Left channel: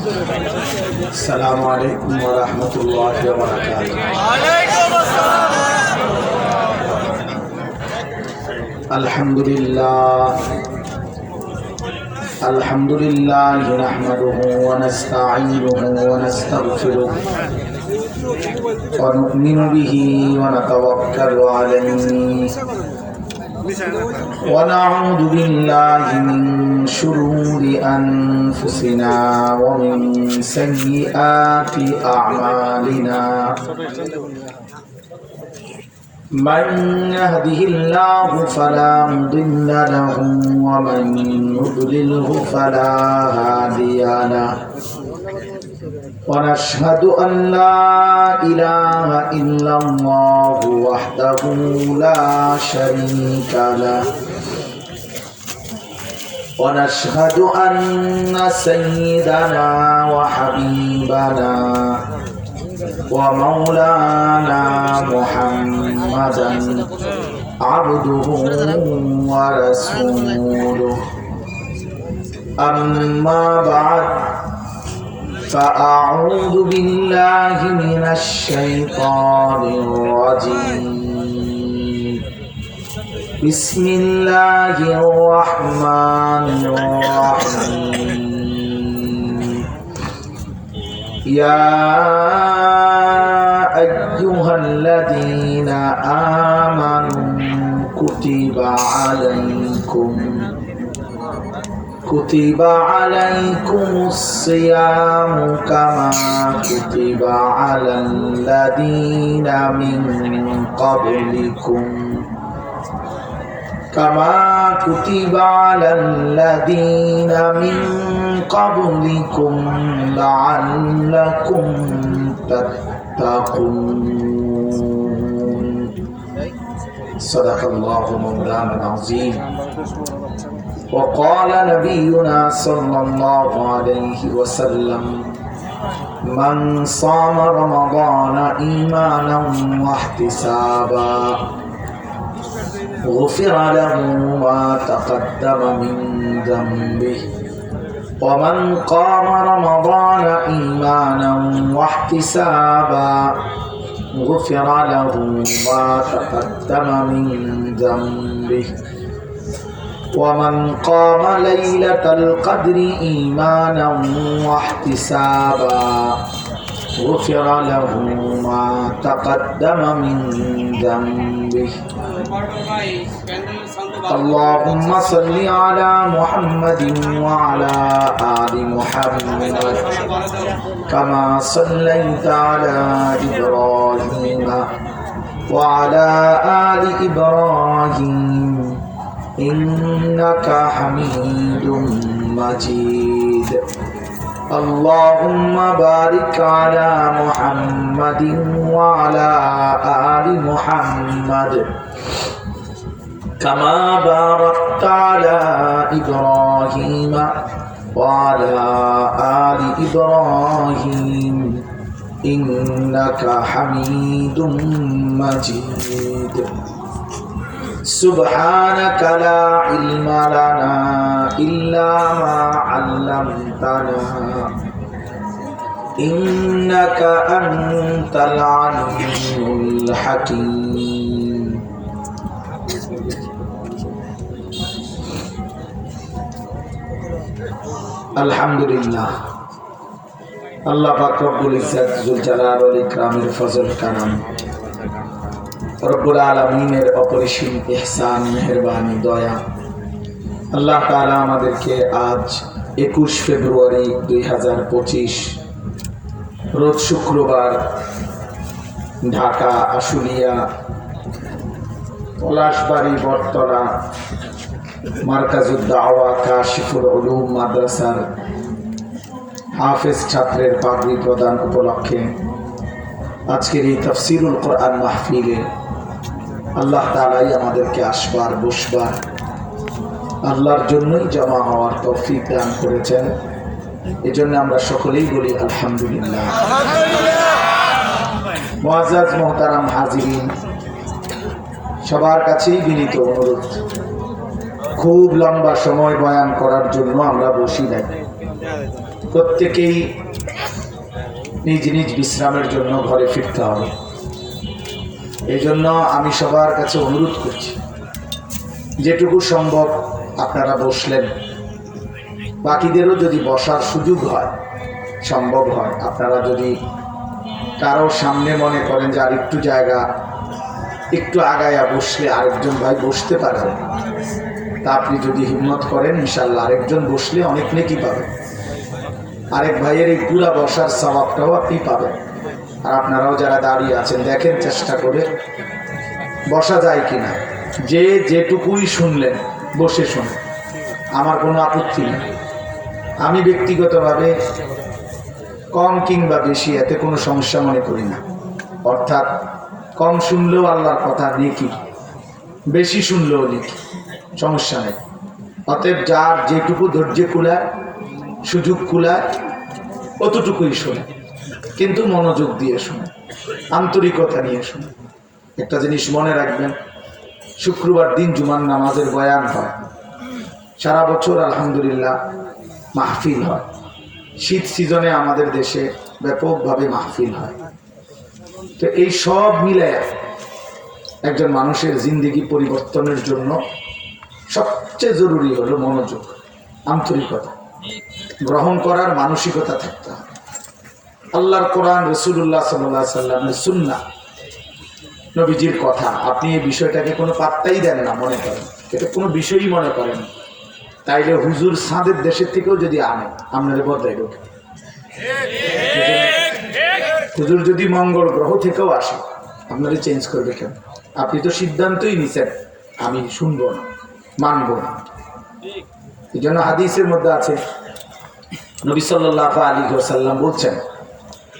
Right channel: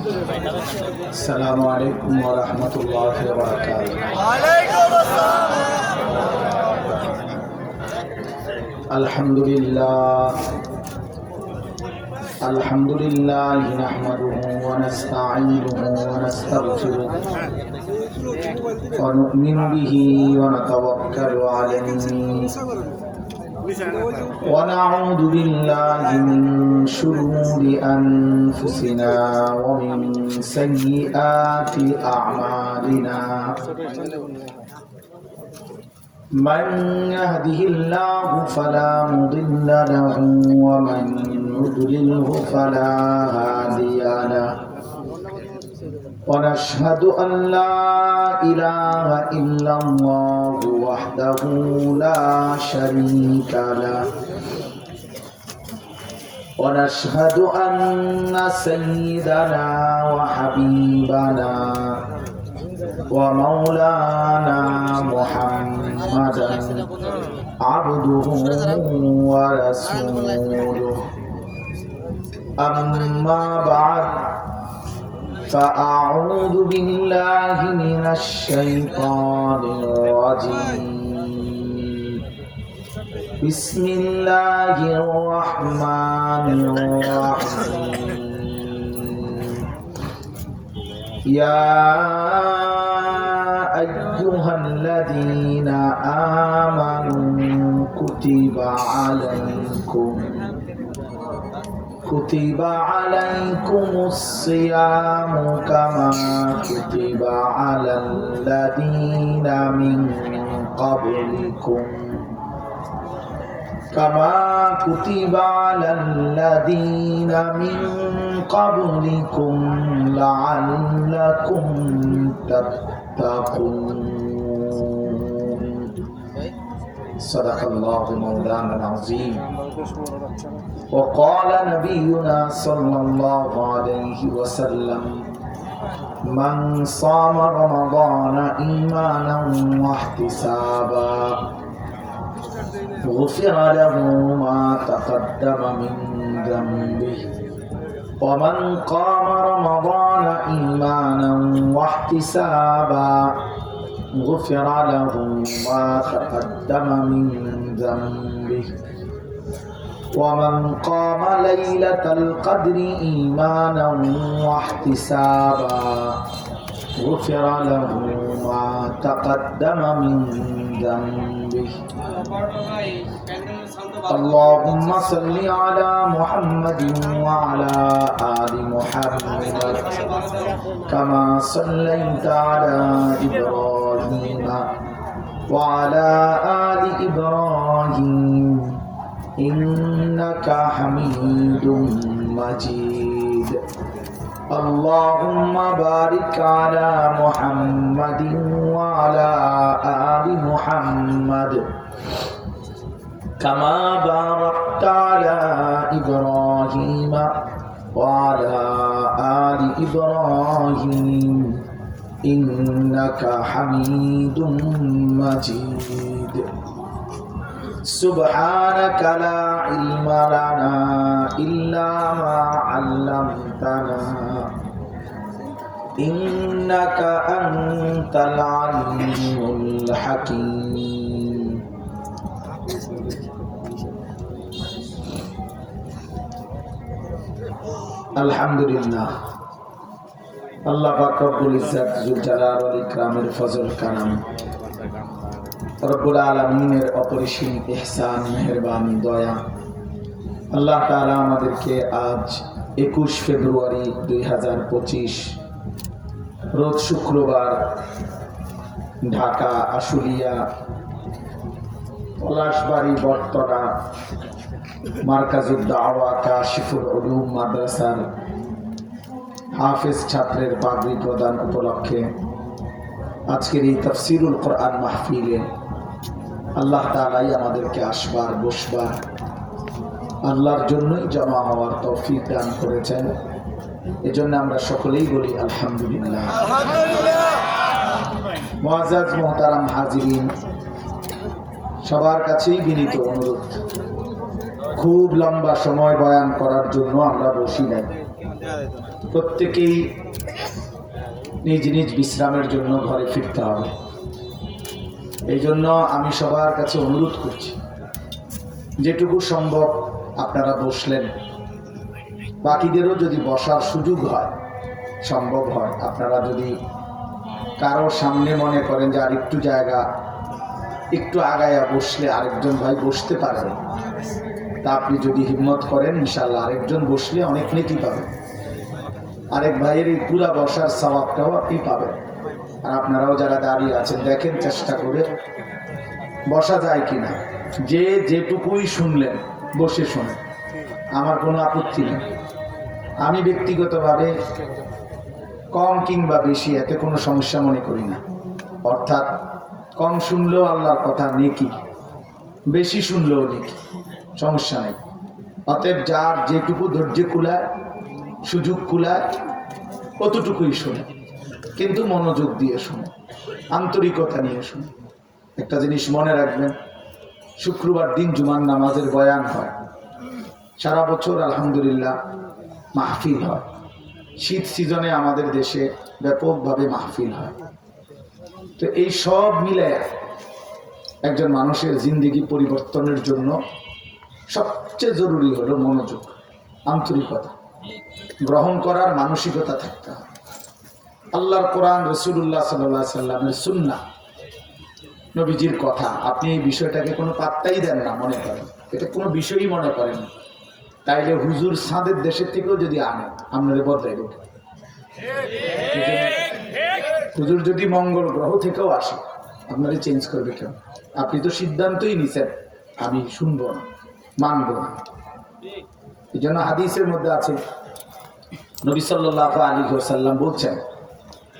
السلام عليكم ورحمة الله وبركاته. وعليكم السلام. الحمد لله نحمده ونستعينه ونستغفره ونؤمن به ونتوكل عليه ونعوذ بالله من شرور أنفسنا ومن سيئات أعمالنا من يهده الله فلا مضل له ومن يضلله فلا هادي له ونشهد أن لا إله إلا الله وحده لا شريك له ونشهد أن سيدنا وحبيبنا ومولانا محمدا عبده ورسوله أما بعد فأعوذ بالله من الشيطان الرجيم بسم الله الرحمن الرحيم يا أيها الذين آمنوا كتب عليكم الصيام كما كتب على الذين من قبلكم لعلكم تتقون صدق الله مولانا العظيم. وقال نبينا صلى الله عليه وسلم من صام رمضان إيمانا واحتسابا غفر له ما تقدم من ذنبه ومن قام رمضان إيمانا واحتسابا غفر له ما تقدم من ذنبه ومن قام ليلة القدر إيمانا واحتسابا غفر له ما تقدم من ذنبه. اللهم صل على محمد وعلى آل محمد كما صليت على إبراهيم وعلى آل إبراهيم إنك حميد مجيد. اللهم بارك على محمد وعلى آل محمد كما باركت على إبراهيم وعلى آل إبراهيم إنك حميد مجيد. سبحانك لا علم لنا إلا ما علمتنا إنك أنت العليم الحكيم. আলহামদুলিল্লাহ, আল্লাহ পাক রব্বুল ইজ্জত জুল জালাল ওয়াল ইকরামের ফজল কারাম, রব্বুল আলামিনের অপরিসীম ইহসান, মেহেরবানি, দয়া। আল্লাহ তাআলা আমাদেরকে আজ 21 ফেব্রুয়ারি 2025 রোজ শুক্রবার ঢাকা আশুলিয়া পলাশবাড়ি বটতলা মার্কাজুদ দাওয়া কাশিফুল উলুম মাদ্রাসার হাফেজ ছাত্রের পাগড়ি প্রদান উপলক্ষে আজকের এই তাফসীরুল কোরআন মাহফিলে আল্লাহ তাআলাই আমাদেরকে আসবার বসবার আল্লাহর জন্যই জমা হওয়ার তৌফিক দান করেছেন। এজন্য আমরা সকলেই বলি আলহামদুলিল্লাহ। মুআজ্জাজ মুহতারাম হাজিরিন, সবার কাছেই বিনীত অনুরোধ, খুব লম্বা সময় বয়ান করার জন্য আমরা বসি নাই। প্রত্যেকেই নিজ নিজ বিশ্রামের জন্য ঘরে ফিরতে হবে। এই জন্য আমি সবার কাছে অনুরোধ করছি, যেটুকু সম্ভব আপনারা বসলেন, বাকিদেরও যদি বসার সুযোগ হয়, সম্ভব হয়, আপনারা যদি কারো সামনে মনে করেন যে আর একটু জায়গা একটু আগায়া বসলে আরেকজন ভাই বসতে পারবেন, তা আপনি যদি হিম্মত করেন ইনশাল্লাহ আরেকজন বসলে অনেক নেকি পাবেন। আরেক ভাইয়ের এই পুরা বসার সওয়াবটাও আপনি পাবেন। আর আপনারাও যারা দাঁড়িয়ে আছেন দেখেন চেষ্টা করে বসা যায় কিনা। যে যেটুকুই শুনলেন বসে শুনুন, আমার কোনো আপত্তি নেই। আমি ব্যক্তিগতভাবে কম কিংবা বেশি এতে কোনো সমস্যা মনে করি না। অর্থাৎ কম শুনলেও আল্লাহর কথা নেকি, বেশি শুনলেও নেকি, সমস্যা নেই। অতএব যার যেটুকু ধৈর্য কুলায়, সুযোগ কুলায়, অতটুকুই শুনে, কিন্তু মনোযোগ দিয়ে শুনে, আন্তরিকতা নিয়ে শুনে। একটা জিনিস মনে রাখবেন, শুক্রবার দিন জুমার নামাজের বয়ান হয়, সারা বছর আলহামদুলিল্লাহ মাহফিল হয়। শীত সিজনে আমাদের দেশে ব্যাপকভাবে মাহফিল হয়। তো এই সব মিলায় একজন মানুষের জিন্দেগি পরিবর্তনের জন্য সবচেয়ে জরুরি হলো মনোযোগ, আন্তরিকতা, গ্রহণ করার মানসিকতা থাকতে হবে। আল্লাহর কোরআন, রাসূলুল্লাহ সাল্লাল্লাহু আলাইহি সাল্লামের সুন্নাহ, নবীজির কথা, আপনি এই বিষয়টাকে কোনো পাত্তাই দেন না, মনে করেন এটা কোনো বিষয়ই মনে করেন, তাইলে হুজুর সাদের দেশের থেকেও যদি আনে আপনার বদলাইব। হুজুর যদি মঙ্গল গ্রহ থেকেও আসে আপনারা চেঞ্জ করবে কেন? আপনি তো সিদ্ধান্তই নিছেন আমি শুনবো না, মানবো না। এই জন্য হাদিসের মধ্যে আছে, নবী সাল্লাল্লাহু আলাইহি ওয়াসাল্লাম বলছেন,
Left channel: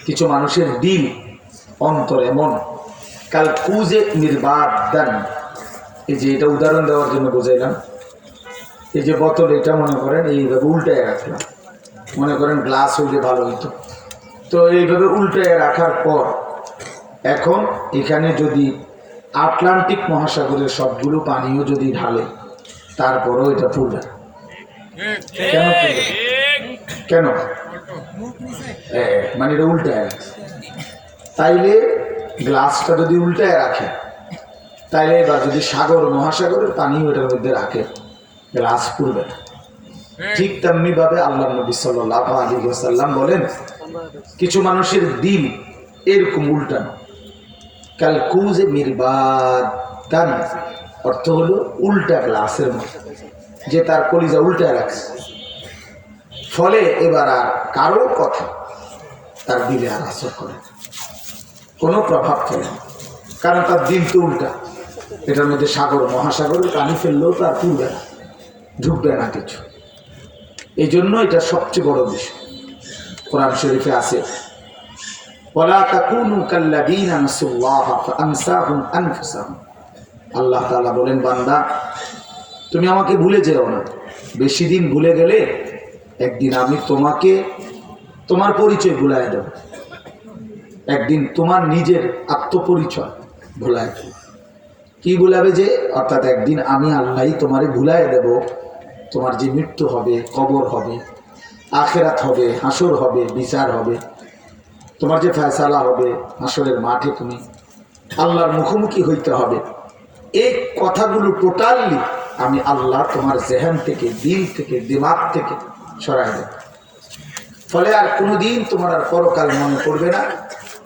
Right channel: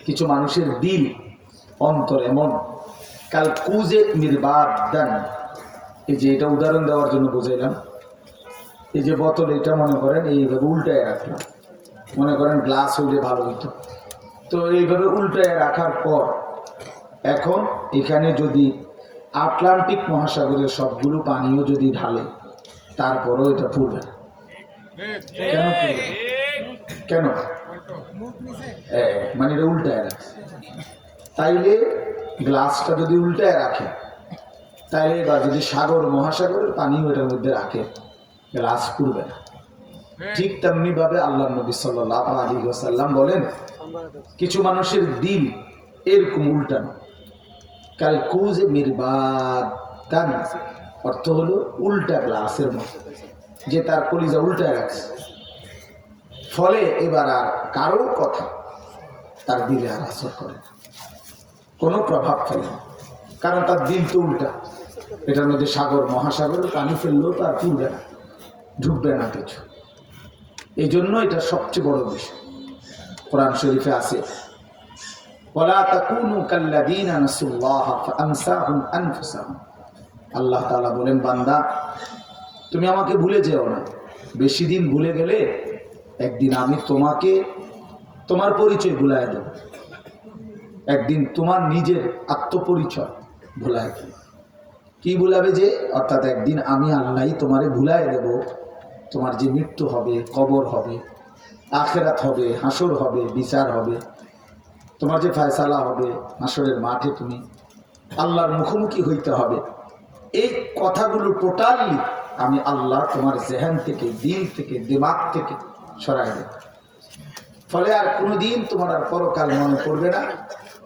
কিছু মানুষের দিল, অন্তর এমন কাল কুজে মিরবাদান। এই যে এটা উদাহরণ দেওয়ার জন্য বোঝাইলাম, এই যে বোতল, এটা মনে করেন এইভাবে উল্টায় রাখলাম, মনে করেন গ্লাস হইলে ভালো হইতো, তো এইভাবে উল্টায় রাখার পর এখন এখানে যদি আটলান্টিক মহাসাগরের সবগুলো পানিও যদি ঢালে তারপরেও এটা ফুলবে না। কেন ফুলবে? কেন? মানে এটা উল্টায় রাখছে। তাইলে গ্লাসটা যদি উল্টায় রাখে, তাইলে এবার যদি সাগর মহাসাগরের পানিও এটার মধ্যে রাখে, গ্লাস ফুলবে না। ঠিক তেমনি ভাবে আল্লাহ নবী সাল্লাল্লাহু আলাইহি ওয়াসাল্লাম বলেন, কিছু মানুষের দিল এরকম উল্টানো, কাল কুজে মিরবাদান, অর্থ হলো উল্টা গ্লাসের মতো, যে তার কলিজা উল্টায় রাখছে, ফলে এবার আর কারোর কথা তার দিলে আর আসর করে না, কোনো প্রভাব ফেলে না, কারণ তার দিল তো উল্টা। এটার মধ্যে সাগর মহাসাগরের পানি ফেললেও তার ফুলবে না, ঢুকবে না কিছু। এই জন্য এটা সবচেয়ে বড় বিষয়। কোরআন শরীফে আছে, ওয়ালা তাকুনু কাল্লাযীনা নাসুল্লাহা ফাআনসাহুম আনফুসাহুম। আল্লাহ তাআলা বলেন, বান্দা তুমি আমাকে ভুলে যেও না। বেশি দিন ভুলে গেলে একদিন আমি তোমাকে তোমার পরিচয় ভুলায় দেব, একদিন তোমার নিজের আত্মপরিচয় ভুলায় দেব। কি ভুলাবে? যে অর্থাৎ একদিন আমি আল্লাহই তোমারে ভুলায় দেব। তোমার যে মৃত্যু হবে, কবর হবে, আখিরাত হবে, হাসর হবে, বিচার হবে, তোমার যে ফয়সালা হবে, হাসরের মাঠে তুমি আল্লাহর মুখোমুখি হইতে হবে, এই কথাগুলো টোটালি আমি আল্লাহ তোমার জেহেন থেকে, দিল থেকে, দিমাগ থেকে সরাই দেব। ফলে আর কোনোদিন তোমার আর পরকাল মনে পড়বে না।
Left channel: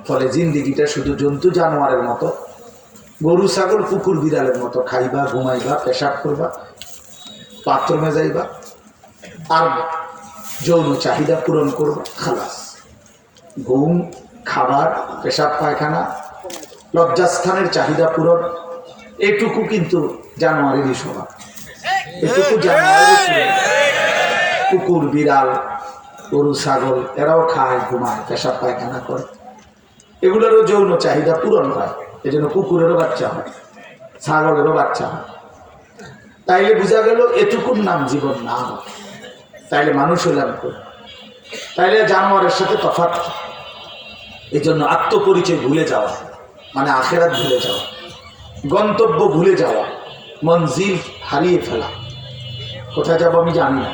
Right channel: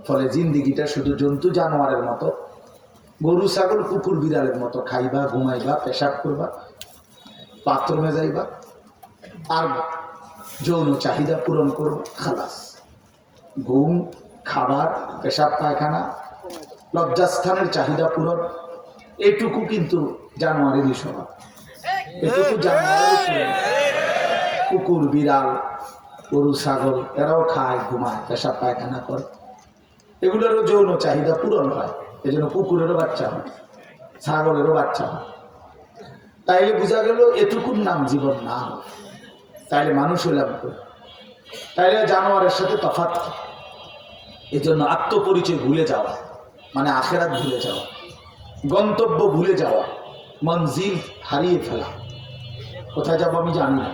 ফলে জিন্দিগিটা শুধু জন্তু জানোয়ারের মতো, গরু ছাগল কুকুর বিড়ালের মতো খাইবা, ঘুমাইবা, পেশাব করবা, বাথরুমে যাইবা, আর যৌন চাহিদা পূরণ করবা, খালাস। ঘুম, খাবার, পেশাব পায়খানা, লজ্জাস্থানের চাহিদা পূরণ, এটুকু কিন্তু জানোয়ারেরই স্বভাব, এটুকু জানোয়ারেরই স্বভাব। কুকুর বিড়াল গরু ছাগল এরাও খায়, ঘুমায়, পেশাব পায়খানা করে, এগুলোরও যৌন চাহিদা পূরণ হয়। এই জন্য কুকুরেরও বাচ্চা হয়, ছাগলেরও বাচ্চা হয়। তাইলে বোঝা গেল এটুকুর নাম জীবন না, তাইলে মানুষ হইলাম করে, তাইলে জানোয়ারের সাথে তফাৎ। এই জন্য আত্মপরিচয় ভুলে যাওয়া মানে আখেরাত ভুলে যাওয়া, গন্তব্য ভুলে যাওয়া, মঞ্জিল হারিয়ে ফেলা। কোথায় যাবো আমি জানি না,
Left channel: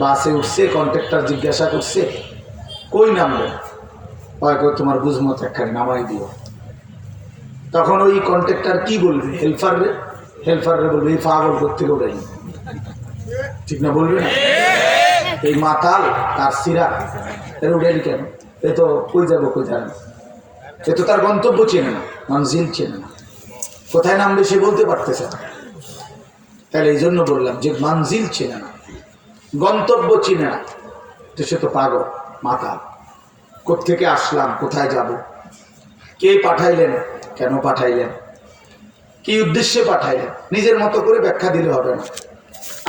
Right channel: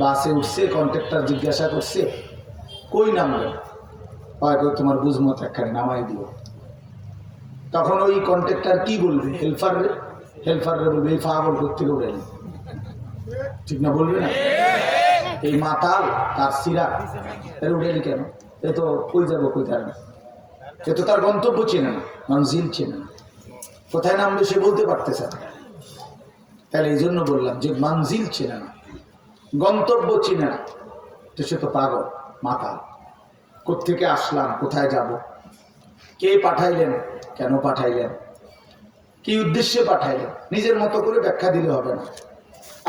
বাসে উঠছে, কন্ট্রাক্টর জিজ্ঞাসা করছে কই নামলেন, হয়তো তোমার বুঝমত একখানে নামাই দিও। তখন ওই কন্ট্রাক্টর কি বলবে, হেল্পাররে বলবে এই পাগল কোত্থেকে উঠাইলি, ঠিক না বলবে না? এই মাতাল তার সিরা এর উঠাইলি কেন, এ তো কই যাবো কই যাবে না, এ তো তার গন্তব্য চেনে না, মঞ্জিল চেনে না, কোথায় নামবে সে বলতে পারতেছে না। তাহলে এই জন্য বললাম যে মঞ্জিল চেনে না, গন্তব্য চিনে না, তো সে তো পাগল মাতাল। কোত্থেকে আসলাম, কোথায় যাব, কে পাঠাইলেন, কেন পাঠাইলেন, কি উদ্দেশ্যে পাঠাইলেন, নিজের মতো করে ব্যাখ্যা দিলে হবে না।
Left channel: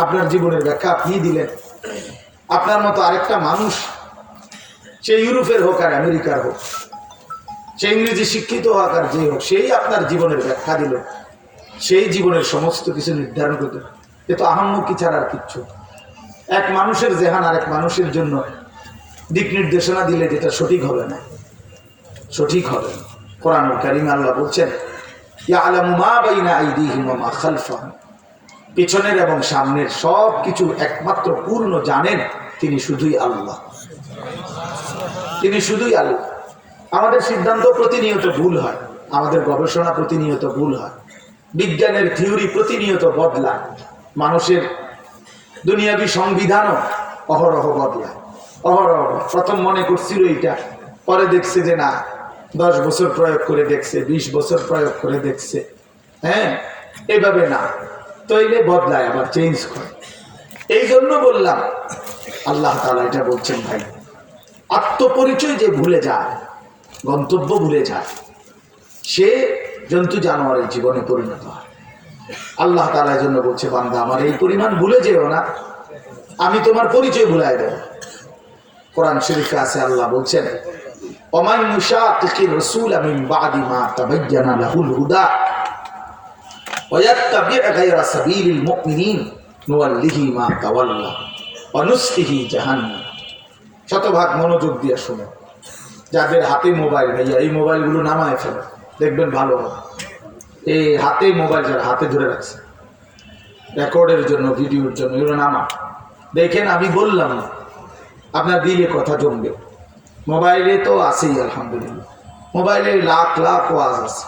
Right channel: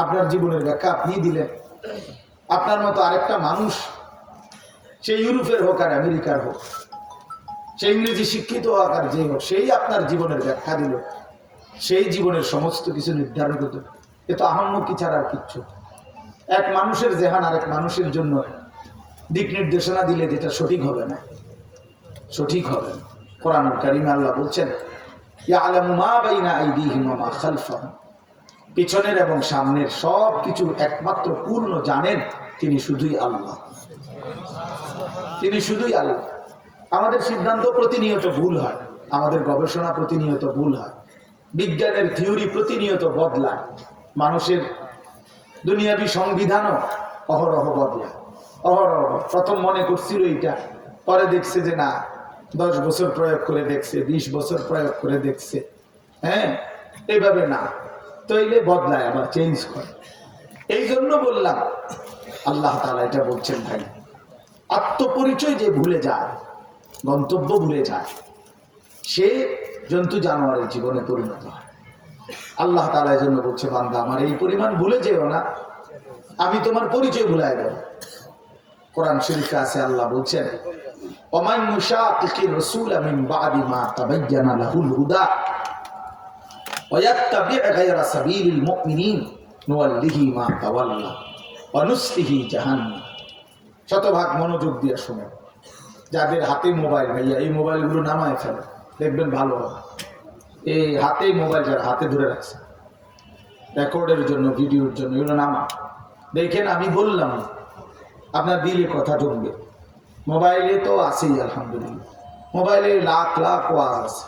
আপনার জীবনের ব্যাখ্যা আপনি দিলেন। আপনার মতো আরেকটা মানুষ, সে ইউরোপের হোক আর আমেরিকার হোক, সে ইংরেজি শিক্ষিত হোক আর যে হোক, সেই আপনার জীবনের ব্যাখ্যা দিল, সেই জীবনের সমস্ত কিছু নির্ধারণ করতে। এ তো আহম্মকি ছাড়া আর কিচ্ছু। এক মানুষের জেহান আরেক মানুষের জন্য দিক নির্দেশনা দিলে যেটা সঠিক হবে না, সঠিক হবে না। কোরআনুল কারীমে আল্লাহ বলছেন ইয়ালামু মা বাইনা আইদিহিম ওয়া মা খালফাহুম, পিছনের এবং সামনের সব কিছু একমাত্র পূর্ণ জানেন তিনি শুধুই আল্লাহ, তিনি শুধুই আল্লাহ। আমাদের সিদ্ধান্ত প্রতিনিয়ত ভুল হয়, আমাদের গবেষণা প্রতিনিয়ত ভুল হয়, বিজ্ঞানের থিওরি প্রতিনিয়ত বদলায়, মানুষের দুনিয়াবি সংবিধানও অহরহ বদলায়, অহরহ। প্রথম মনে করছিল এটা, পরে দেখছে যে না, 10 বছর প্রয়োগ করে দেখছে, 20 বছর প্রয়োগ করে দেখছে, হ্যাঁ এইভাবে না, তৈলে বদলায় আবার চেঞ্জ করে। এই জন্য বললাম আল্লাহ তাআলা এটা বলছেন, ভাই আত্মপরিচয় যে ভুলে যায়, গন্তব্য ভুলে যায়, সে জন্তু জানোয়ারের জীবনে পরিণত হয়। আল্লাহ তাআলা এই জন্য বলছে, বান্দা আমার এই পরিমাণ ভুলে যেও না, আমি তোমার পরিচয় ভুলাই দেব। কোরআন শরীফে আছে, আল্লাহ বলছেন ওমান ইউশাকিকির রাসূল মিন বাদি মা তাবায়্যানা লাহুল হুদা ওয়া ইয়াত্তাবি' গায়রা সাবিলিল মুমিনিন নুওয়াল্লিহি মা তাওয়াল্লা ওয়া নুসলিহি জাহান্নাম। শতভাগ মনোযোগ দিয়ে শুনে, যাদের হাতে মোবাইল, ভাইয়া এই মোবাইলগুলো নামায় ফেলে, দেখবেন ভালো হবে। এই হাতে মোবাইল যারা হাতে ধরে রাখছে রেকর্ডের জন্য, ভিডিওর জন্য, এগুলো নামা। দেখেন আমি বললাম আপনার দিলে কথা জমবে। মোবাইলে তো আছেই আলহামদুলিল্লাহ, মোবাইলে লাখ লাখ ওয়াজ আছে,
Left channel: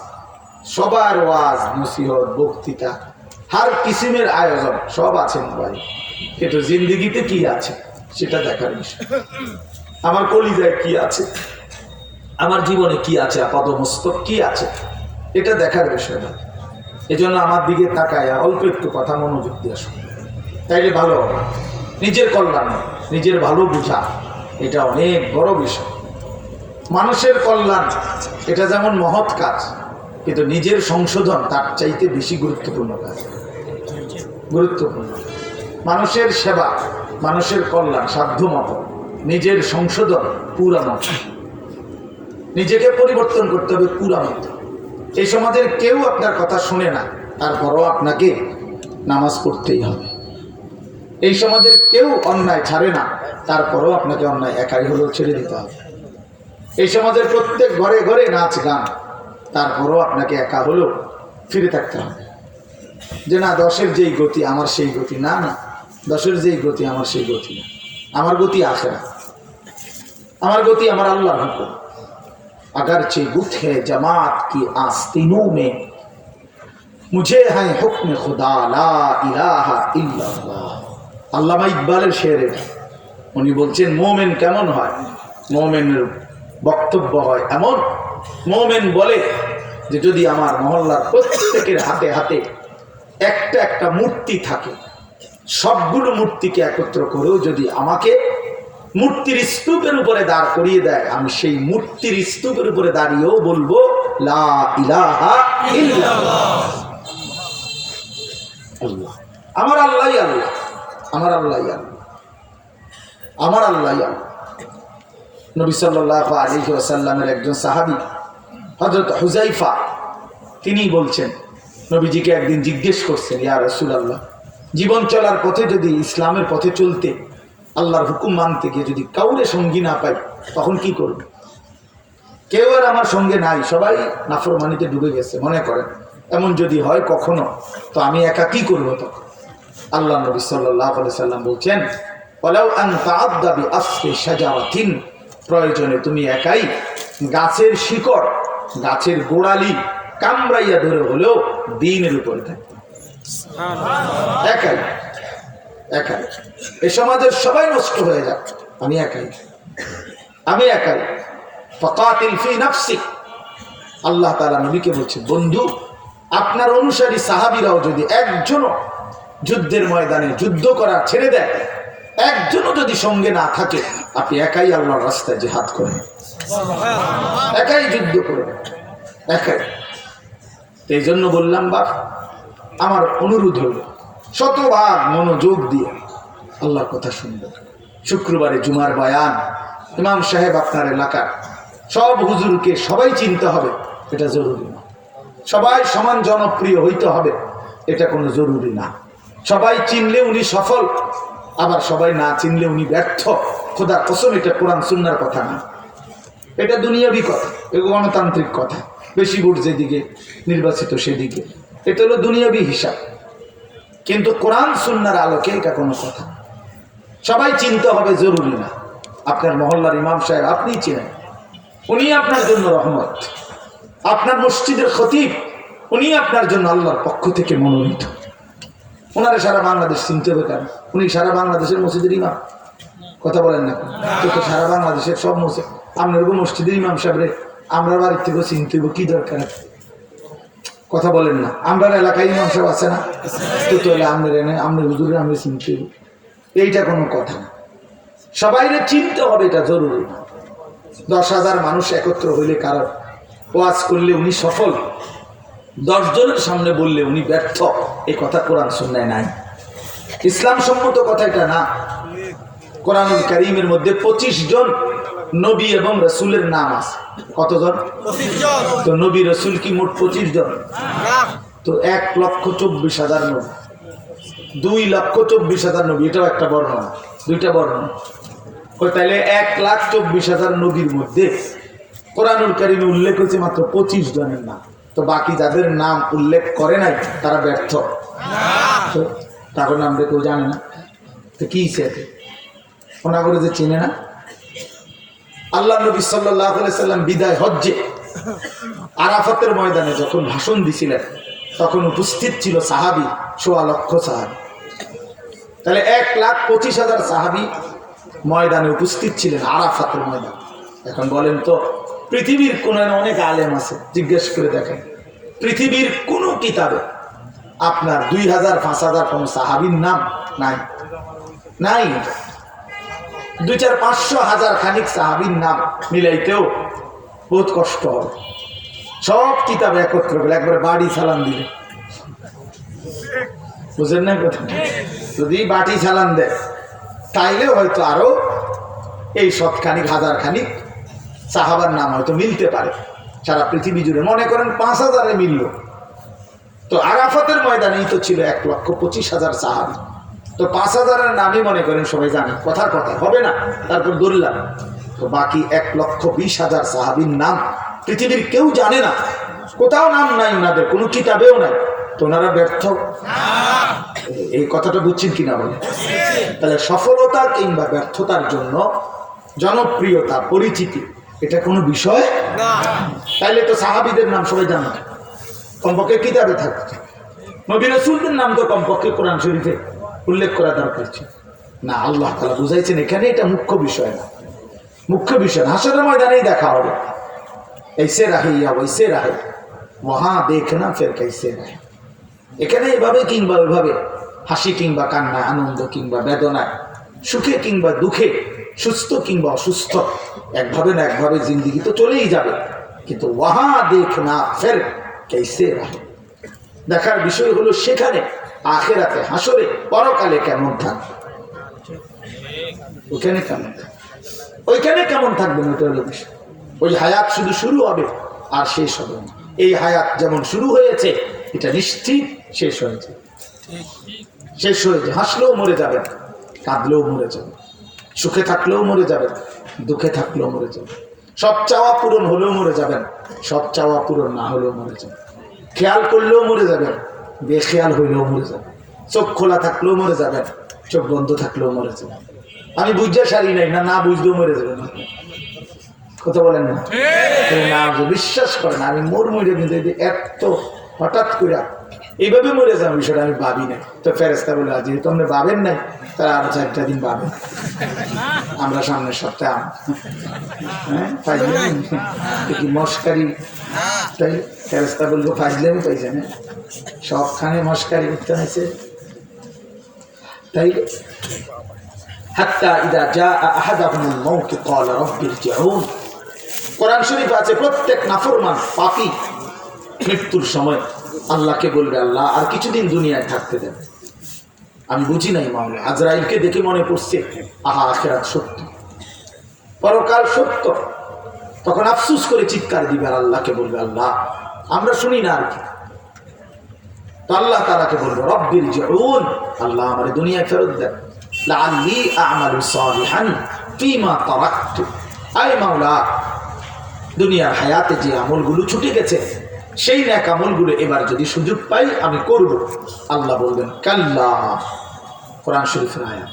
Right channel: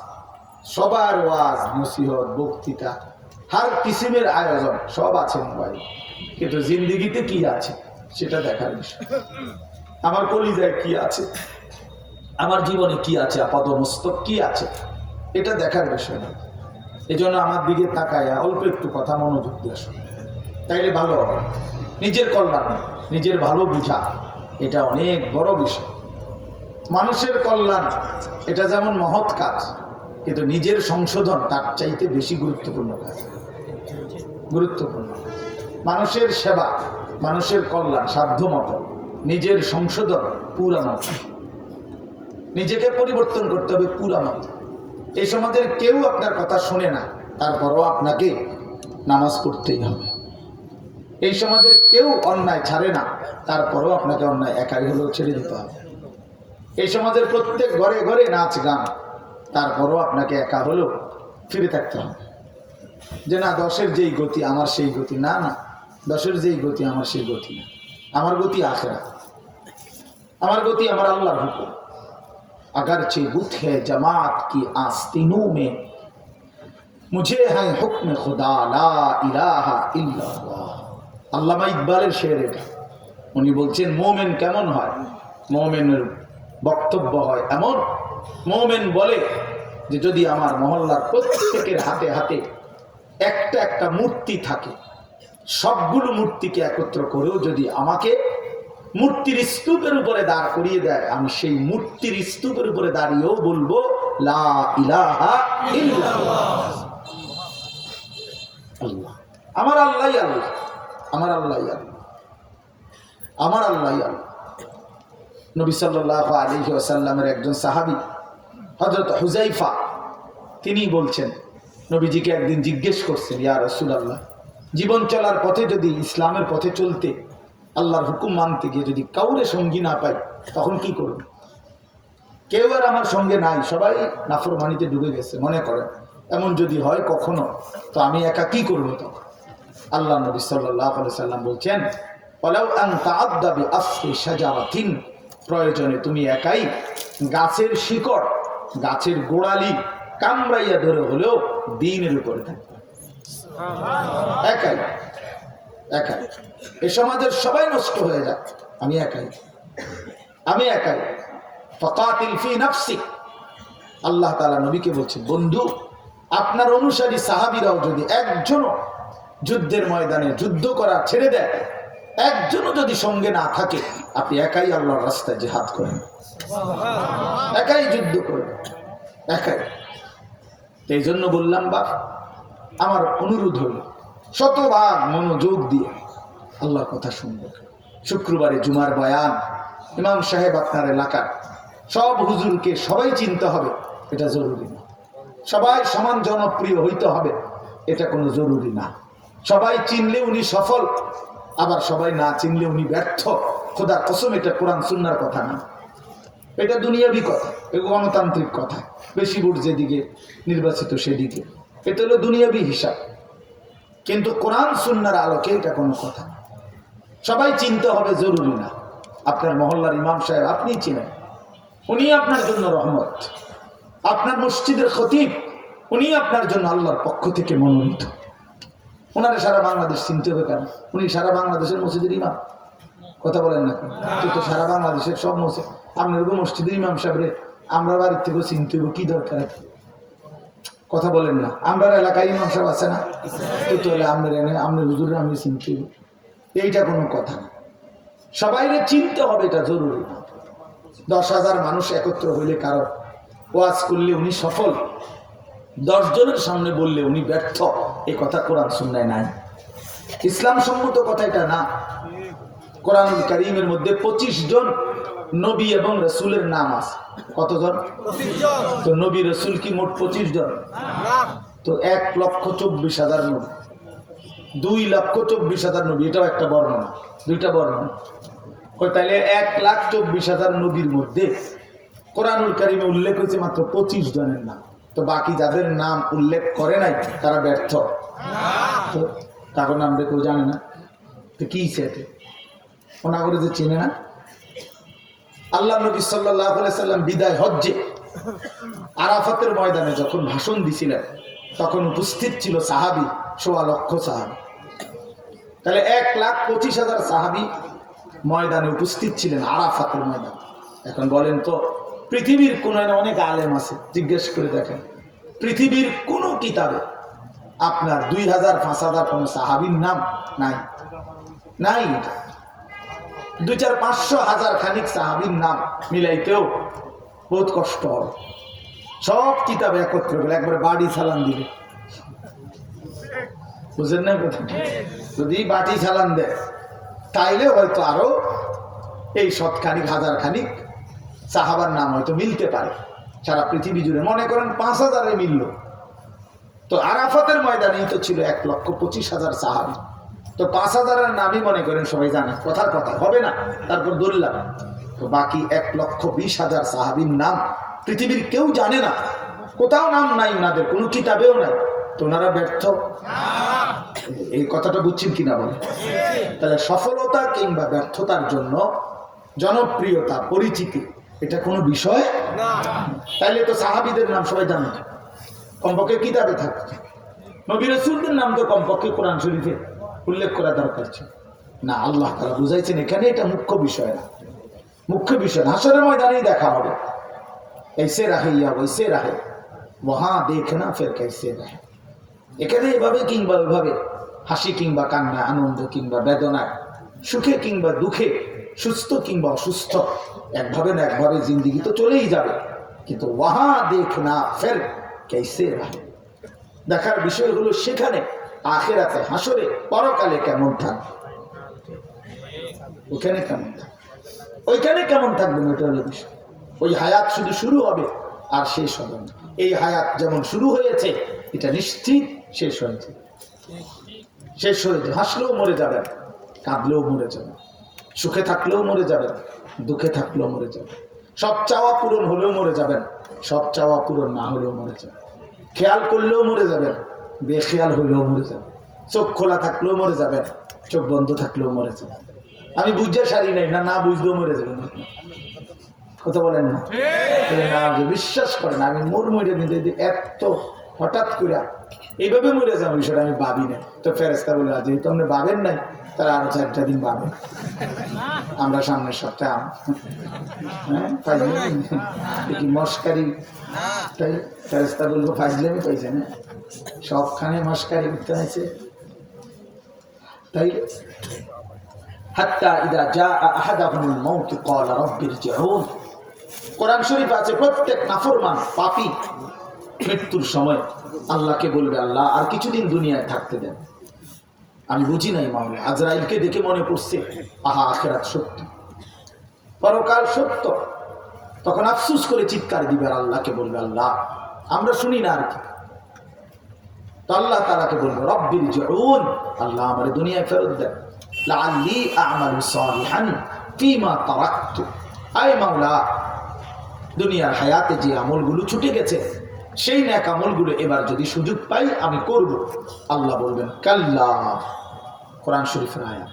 সবার ওয়াজ, নসিহত, বক্তৃতা, হার কিসিমের আয়োজন সব আছে মোবাইল। কিন্তু জিন্দিগিতে কি আছে সেটা দেখার বিষয়। আমার কলিজায় কি আছে, আমার জীবনে কি আছে, আপাদমস্তক কি আছে, এটা দেখার বিষয় না। এজন্য আমার দিকে তাকায় অল্প একটু কথা মনোযোগ দিয়ে শুনে, তাইলে ভালো হবে। নিজের কল্যাণ, নিজের ভালো বোঝা, এটা অনেক বড় বিষয়। মানুষের কল্যাণ এটা যেমন মহৎ কাজ, কিন্তু নিজের সংশোধন তার চাইতে বেশি গুরুত্বপূর্ণ কাজ, গুরুত্বপূর্ণ। মানুষের সেবা, মানুষের কল্যাণ সাধ্য মতো, নিজের সংশোধন পুরা মতো, নিজেকে পরিবর্তন করতে হবে পুরা মতো। এই সমাজের কেউ আপনার কথা শোনে না, তারপরও আপনাকে নামাজ পড়তেই হবে। এই সমাজের কেউ অন্যায় ছাড়ে না, তারপরও আপনাকে অন্যায় একাই হলেও ছেড়ে দিতে হবে। এই সমাজের প্রত্যেক ঘরে ঘরে নাচ গান, তারপরও আপনাকে একা হলেও ফিরে থাকতে হবে। যে না 10-এর যেই গতি আমার সেই গতি না, না 10-এর যেই গতি আমার সেই গতি না, আমার গতি আখিরাত, আমার গতি আমার আল্লাহর হুকুম। अगरचे बुत है जमात की आस्तीनों में मुझे है हुक्म खुदा ला इलाहा इल्लल्लाह। আল্লামা ইকবালের শের এটা। উনি বলছেন মোমেন কেমন হয়, মোমেনের বক্তব্য হয় এমন, মোমেন বলে যে যদি আমার মহল্লার প্রত্যেকের হাতে হাতে একটা একটা মূর্তি থাকে, সবগুলো মূর্তিকে একত্র করেও যদি আমাকে মূর্তির স্তূপের উপরে দাঁড় করিয়ে দেয়, আমি সেই মূর্তির স্তূপের উপরে দাঁড়িয়েও বলবো লা ইলাহা ইল্লাল্লাহ। আল্লাহ আমার আল্লাহই আল্লাহ, আমার আল্লাহই আল্লাহ, আমার আল্লাহই আল্লাহ। নবী সাল্লাল্লাহু আলাইহি ওয়াসাল্লামের একজন সাহাবী হযরত হুযায়ফা, তিনি বলছেন নবীজিকে একদিন জিজ্ঞেস করছেন, ইয়া রাসূলুল্লাহ, জীবন চলার পথে যদি ইসলামের পথে চলতে, আল্লাহর হুকুম মানতে গিয়ে যদি কাউরে সঙ্গী না পাই তখন কি করব? কেউ আর আমার সঙ্গে নাই, সবাই নাফরমানিতে ডুবে গেছে মনে করেন, এমন যদি হয় কখনো, তো আমি একা কি করবো তখন? আল্লাহ নবী সাল্লাল্লাহু আলাইহি সাল্লাম বলছেন ওয়ালাউ আন তাআদ্দা বিআসরি শাজারাতিন, প্রয়োজনে তুমি একাই গাছের শিকড়, গাছের গোড়ালি কামড়াইয়া ধরে হলেও দ্বীনের উপরে থাকবে। একাই একাই। এই সমাজের সবাই নষ্ট হয়ে যাক, আমি একাই, আমি একাই। ফাকাতিল ফি নাফসিক, আল্লাহ তাআলা নবীকে বলছে, বন্ধু আপনার অনুসারী সাহাবীরাও যদি একজনও যুদ্ধের ময়দানে যুদ্ধ করা ছেড়ে দেয়, একজনও যদি সঙ্গে না থাকে, আপনি একাই আল্লাহর রাস্তায় জিহাদ করেন, একাই যুদ্ধ করবেন, একাই। এই জন্য বললাম বাপ, আমার অনুরোধ হল শতভাগ মনোযোগ দিয়ে আল্লাহর কথা শুনবেন। শুক্রবারে জুমার বয়ান, ইমাম সাহেব আপনার এলাকার সব হুজুরকে সবাই চিনতে হবে, এটা জরুরি না। সবাই সমান জনপ্রিয় হইতে হবে, এটা কোনো জরুরি না। সবাই চিনলে উনি সফল, আবার সবাই না চিনলে উনি ব্যর্থ। খোদার কসম, এটা কোরআন সুন্নাহর কথা না, এটা দুনিয়াবি কথা, গণতান্ত্রিক কথা। বেশি ভোট যেদিকে নির্বাচিত সেদিকে, এটা হলো দুনিয়াবি হিসাব। কিন্তু কোরআন সুন্নাহর আলোকে এটা কোনো কথা। সবাই চিনতে হবে জরুরি না। আপনার মহল্লার ইমাম সাহেব আপনি চিনেন, উনি আপনার জন্য রহমত। আপনার মসজিদের খতিব, উনি আপনার জন্য আল্লাহর পক্ষ থেকে মনোনীত। ওনারা সারা বাংলাদেশ চিনতে হবে কেন? উনি সারা বাংলাদেশের মসজিদের ইমাম, কথা বলেন না? তো সারা বাংলাদেশের সব মসজিদ, আপনার মসজিদের ইমাম সাহেবরে আমরা বাড়ির থেকেও চিনতে হবে, কি দরকার? কথা বলেন না? আমরা এলাকায় ইমাম সাহেব আছে না? তো আমরা হুজুরে আমরা চিনতে হবে, এইটা কোনো কথা না। সবাইরে চিনতে হবে, এটা জরুরি না। 10,000 মানুষ একত্র হইলে কারো ওয়াজ করলে উনি সফল, 10 জনের সামনে বললে উনি ব্যর্থ, এই কথা কোরআন সুন্নাহয় নাই। ইসলাম সম্মত কথা এটা না। কোরআনুল কারীমের মধ্যে 25 জন নবী এবং রাসূলের নাম আছে। কতজন? 25 জন। তো নবী রাসূল কি মোট 25 জন? না। তো 1,24,000 নবী, 2,24,000 নবী, এটাও একটা বর্ণনা, দুইটা বর্ণনা। ওই তাইলে 1,24,000 নবীর মধ্যে কোরআনুল কারীমে উল্লেখ হয়েছে মাত্র 25 জনের নাম। তো বাকি যাদের নাম উল্লেখ করে নাই তারা ব্যর্থ। তার নাম কেউ জানে না, তো কি সেতে ওনা করে যে চেনে না। আল্লাহ নবী সাল্লাল্লাহু আলাইহি সাল্লাম বিদায় হজ্জে আরাফাতের ময়দানে যখন ভাষণ দিছিলেন, তখন উপস্থিত ছিল সাহাবী 1.25 লক্ষ সাহাবী। তাহলে 1,25,000 সাহাবী ময়দানে উপস্থিত ছিলেন আরাফাতের ময়দান। এখন বলেন তো, পৃথিবীর কোনে অনেক আলেম আছে, জিজ্ঞেস করে দেখেন, পৃথিবীর কোন কিতাবে আপনার 2,000 5,000 কোন সাহাবীর নাম নাই, নাই। 2,4 500 1000 খানিক সাহাবীর নাম মিলাইতেও বহুত কষ্ট হবে। সব কিতাবে একত্র করে একবারে বাড়ি সালাম দিবে, বুঝেন না কথা? যদি বাটি সালাম দেয় তাইলে হয়তো আরো এই 100 খানিক 1000 খানিক সাহাবার নাম হয়তো মিলতে পারে সারা পৃথিবী জুড়ে। মনে করেন 5,000-এ মিলল, তো আরাফাতের ময়দানেই তো ছিল 1,25,000 সাহাবী। তো 5,000-এর নামই মনে করেন সবাই জানে, কথার কথা হবে না, তারপর ধরলাম। তো বাকি 1,20,000 সাহাবীর নাম পৃথিবীর কেউ জানে না, কোথাও নাম নাই ওনাদের, কোনো কিতাবেও নাই। তো ওনারা ব্যর্থ, এই কথাটা বুঝছেন কিনা বলে? তাহলে সফলতা কিংবা ব্যর্থতার জন্য জনপ্রিয়তা, পরিচিতি, এটা কোনো বিষয় না। তাইলে তো সাহাবীদের নাম সবাই জানে, কমপক্ষে কিতাবে থাকছে। নবী রাসূলদের নাম তো কমপক্ষে কোরআন শরীফে উল্লেখ করা দরকার ছিল না। আল্লাহ তাআলা বুঝাইছেন এখানে এটা মুখ্য বিষয় না, মুখ্য বিষয় না। হাসরের ময়দানেই দেখা হবে, ऐसे रहे या वैसे रहे वहां देखना फिर कैसे रहे। এখানে এইভাবে কিংবা ওইভাবে, হাসি কিংবা কান্না, আনন্দ কিংবা বেদনায়, সুখে কিংবা দুঃখে, সুস্থ কিংবা অসুস্থ, একভাবে না একভাবে জিন্দেগি তো চলেই যাবে। কিন্তু ওয়াহা দেখনা ফের कैसे रहे, দেখার বিষয় হলো সেখানে আখিরাতে, হাসরে, পরকালে কেমন থাকবে, ওখানে কেমন থাকবে, ওইখানে কেমন থাকবে, ওইটা হলো বিষয়। ওই হায়াত শুধু শুরু হবে আর শেষ হবে না। এই হায়াত যেমন শুরু হয়েছে এটা নিশ্চিত শেষ হয়েছে, শেষ হয়েছে। হাসলেও মরে যাবেন, কাঁদলেও মরে যাবেন, সুখে থাকলেও মরে যাবেন, দুঃখে থাকলেও মরে যাবেন। সব চাওয়া পূরণ হলেও মরে যাবেন, সব চাওয়া পূরণ না হলেও মরে যাবেন। খেয়াল করলেও মরে যাবেন, বেখেয়াল হইলেও মরে যাবেন। চোখ খোলা থাকলেও মরে যাবেন, চোখ বন্ধ থাকলেও মরে যাবেন। আমি বুঝতে সারি নাই, না না বুঝতেও মরে যাবে না। কথা বলেন না? না বিশ্বাস করেন আমি মরে কিন্তু এত হঠাৎ করে এইভাবে মরে যাবো বিষয়টা আমি ভাবি নাই। তো ফেরেস্তা বলে যেহেতু আপনি ভাবেন নাই তাহলে আরো 4টা দিন ভাবেন, আমরা সামনের সপ্তাহে কি মস্কারি। তাই ফেরেস্তা বলবো ফাইজলামি পাইছে না, সবখানে মস্কারি করতে হয়েছে। তাই হাত্তা ইদা জাআ আহাদাহুমুল মাউত ক্বালা রাব্বি ইরজিউন। কোরআন শরীফ আছে প্রত্যেক নাফরমান পাপী মৃত্যুর সময় আল্লাহকে বলবে আল্লাহ আর কিছুদিন দুনিয়ায় থাকতে দেন। আমি বুঝি নাই মাওলা, আজরাইলকে দেখে মনে পড়ছে আহা আখিরাত সত্য, পরকাল সত্য। তখন আফসোস করে চিৎকার দিবে আর আল্লাহকে বলবে আল্লাহ আমরা শুনি না আর কি। তো আল্লাহ তাআলাকে বলবে রব্বির জিউন, আল্লাহ আমারে দুনিয়ায় ফেরত দেন, লাআল্লি আ'মালু সালিহান ফীমা তারাকতু। আয় মাওলা দুনিয়ার হায়াতে যে আমলগুলো ছুটে গেছে সেই নেক আমলগুলো এবার যদি সুযোগ পাই আমি করব। আল্লাহ বলবেন কাল্লা, কোরআন শরীফের আয়াত,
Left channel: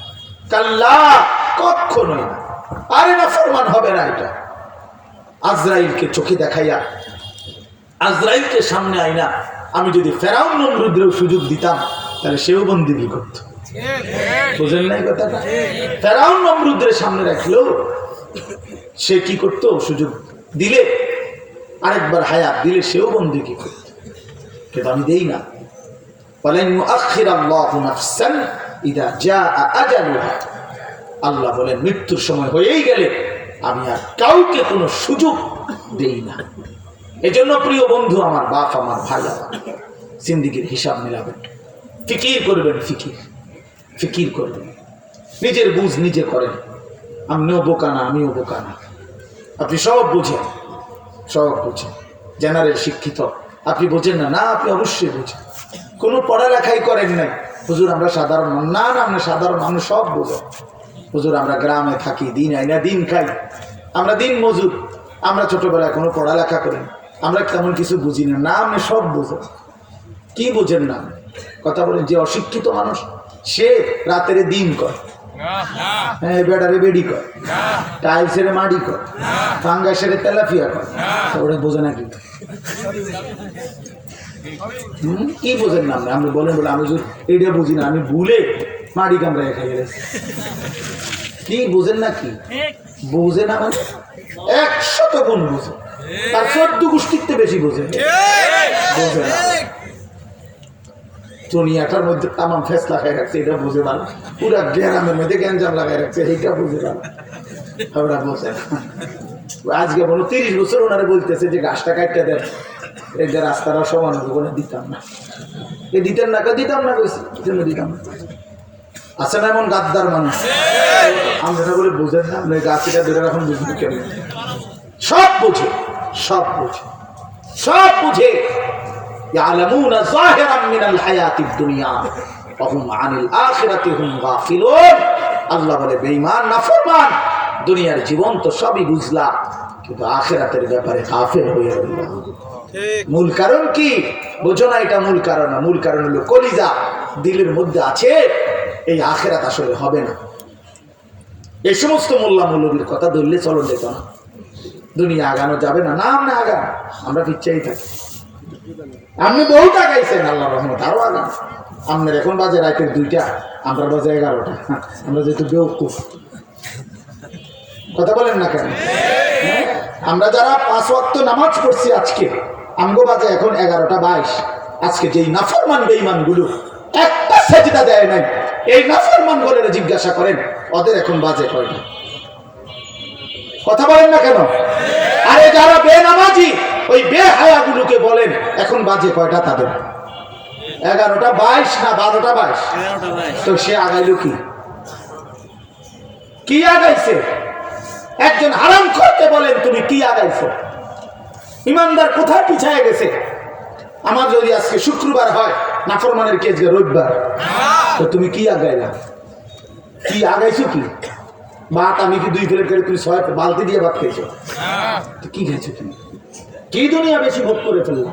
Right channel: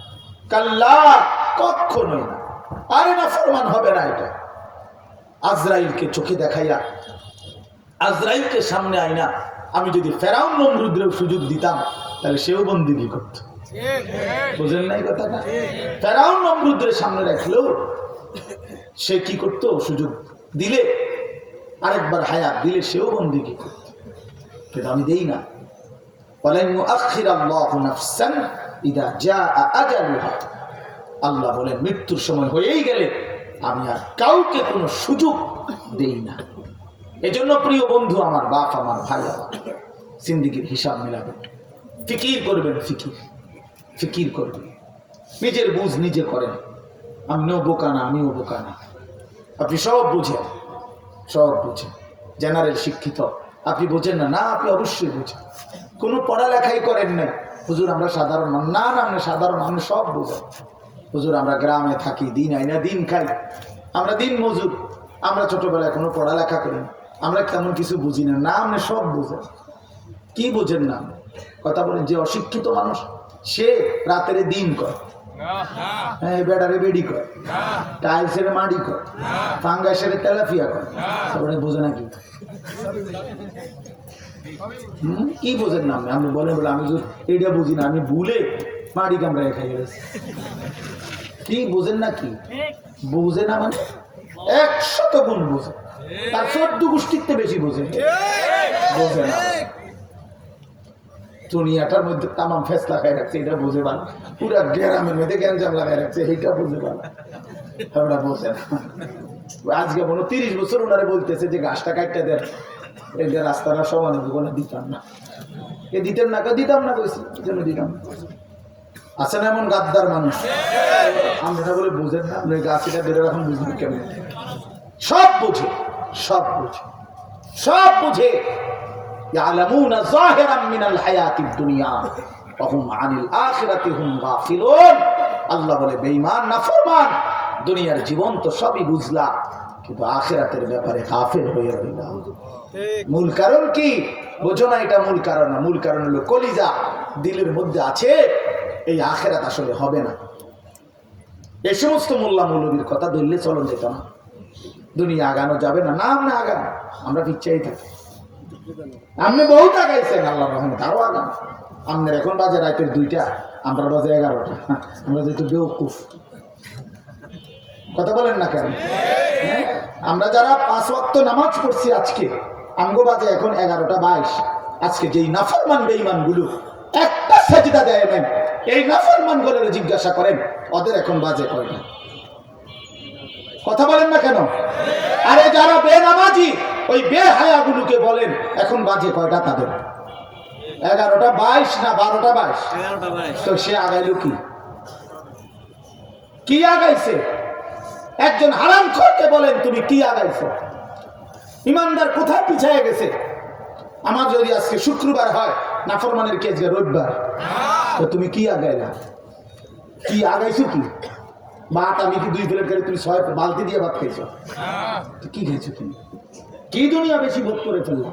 কাল্লা কখনোই না, আরে না ফরমান হবে না। এটা আজরাইলকে চোখে দেখাইয়া আজরাইলকে সামনে আইনা আমি যদি ফেরাউন নমরুদের সুযোগ দিতাম তাহলে সেও বন্দিগি করত। বুঝেন নাই কথাটা? ফেরাউন নমরুদের সামনে রাখলো সে কি করত, সুযোগ দিলে আরেকবার হায়াত দিলে সেও বন্দিগি করত, কিন্তু আমি দেই না। ওয়ালান ইউআখিরাল্লাহু নাফসান ইযা জাআ আজালুহা। আল্লাহ বলেন মৃত্যুর সময় হয়েই গেলে আমি আর কাউকে কোনো সুযোগ দেই না। এজন্য প্রিয় বন্ধু আমার, বাপ আমার, ভাই আমার, জিন্দেগির হিসাব মিলাবেন, ফিকির করবেন, ফিকির করবেন, নিজের বুঝ নিজে করেন। আপনিও বোকা না, আমিও বোকা না, আপনি সব বুঝেন, সব বুঝেন। জেনারেল শিক্ষিত আপনি বোঝেন না, না আপনি অবশ্যই বুঝেন। কোনো পড়ালেখাই করেন নাই, হুজুর আমরা সাধারণ, না না আমরা সাধারণ, আমি সব বুঝেন। হুজুর আমরা গ্রামে থাকি, দিন আই না দিন খাই, আমরা দিন মজুর, আমরা ছোটবেলায় কোনো পড়ালেখা করি না, আমরা তেমন কিছু বুঝি না, না আপনি সব বুঝেন। কি বুঝেন না? কথা বলেন, যে অশিক্ষিত মানুষ সে রাতের দিন করে, হ্যাঁ বেড়ারে বেড়ি করে, টাইলসের মাটি করে, ফাঙ্গাসের তেলাফিয়া করে, তারপরে বোঝে না কি? কি বোঝেন না? আপনি বলেন বলে আমি এইটা বুঝি না, আমি ভুলে মাটি কামড়ায় খাই গেছি। কি বোঝেন না? কি বোঝে না? মানে 100 গুণ বোঝে, তার 14 গোষ্ঠীতে বেশি বোঝে। বোঝে না, দুনিয়াটার মধ্যে তামাম ফেস লাগাই রাখছে, এটা বুঝে ভালো। পুরা গ্রামের মধ্যে গ্যাঞ্জাম লাগাই রাখছে, এইটা বুঝে ভালো, ওরা বোঝে না। আজকে বলো 30 বছর ওনারে বলতেছে যে গাছটা কাটতে দেন, এই যে রাস্তাটা সমান ওখানে দিতাম না, এ দিতেন না, দিতাম না, কইছি কি জন্য দিতাম না? আছে না এমন গাদ্দার মানুষ? আমরা বলে বোঝেন না, আপনি গাছটা ধরে রাখুন, বুঝবি কেন? সব বুঝে, সব বুঝে, সব বুঝে। ইয়ালামুনা যাহিরাম মিনাল হায়াতিদ দুনিয়া ওয়া হুম আনিল আখিরাতি হুম গাফিলুন। আল্লাহ বলে বেঈমান নাফরমান দুনিয়ার জীবন তো সবই বুঝলা, কিন্তু আখিরাতের ব্যাপারে গাফিল হয়ে রইল। মূল কারণ কি বোঝো না? এটা মূল কারণ না, মূল কারণ হলো কলিজা দিলের মধ্যে আছে এই আখিরাত আসলে হবে না। এই সমস্ত মোল্লা মৌলবীর কথা ধরলে চলন যেত না, দুনিয়া আগানো যাবে না, না আমরা আগান, আমরা পিছিয়েই থাকি। আপনি বহুত আগাইছেন, আল্লাহর রহমত আরো আগান। আপনার এখন বাজে রাতের 2টা, আমরা বাজে 11টা, আমরা যেহেতু বেউকুফ। কথা বলেন না কেন? আমরা যারা 5 ওয়াক্ত নামাজ পড়ছি আজকে, আমগো বাজে এখন 11:22। আজকে যেই নাফরমান বেঈমান গুলো একটা সাজদা দেয় নাই, এই নাফরমান বলে জিজ্ঞাসা করেন ওদের এখন বাজে কয়টা? কথা বলেন না কেন? আরে যারা বেনামাজি ওই বেহায়াগুলোকে বলেন এখন বাজে কয়টা তাদের? 11:22 না 12:22? তো সে আগাইল কি আগাইছে? একজন হারাম করতে বলেন তুমি কি আগাইছো? ইমানদার কোথায় পিছায় গেছে? আমার যদি আজকে শুক্রবার হয়, নাফরমানের কি আজকে রবিবার? তো তুমি কি আগাইলা? কি আগাইছো? কি ভাত? আমি কি 2 প্লেট করে তুমি 6 বালতি দিয়ে ভাত খাইছো? কি খাইছো তুমি? কি দুনিয়া বেশি ভোগ করে ফেললা?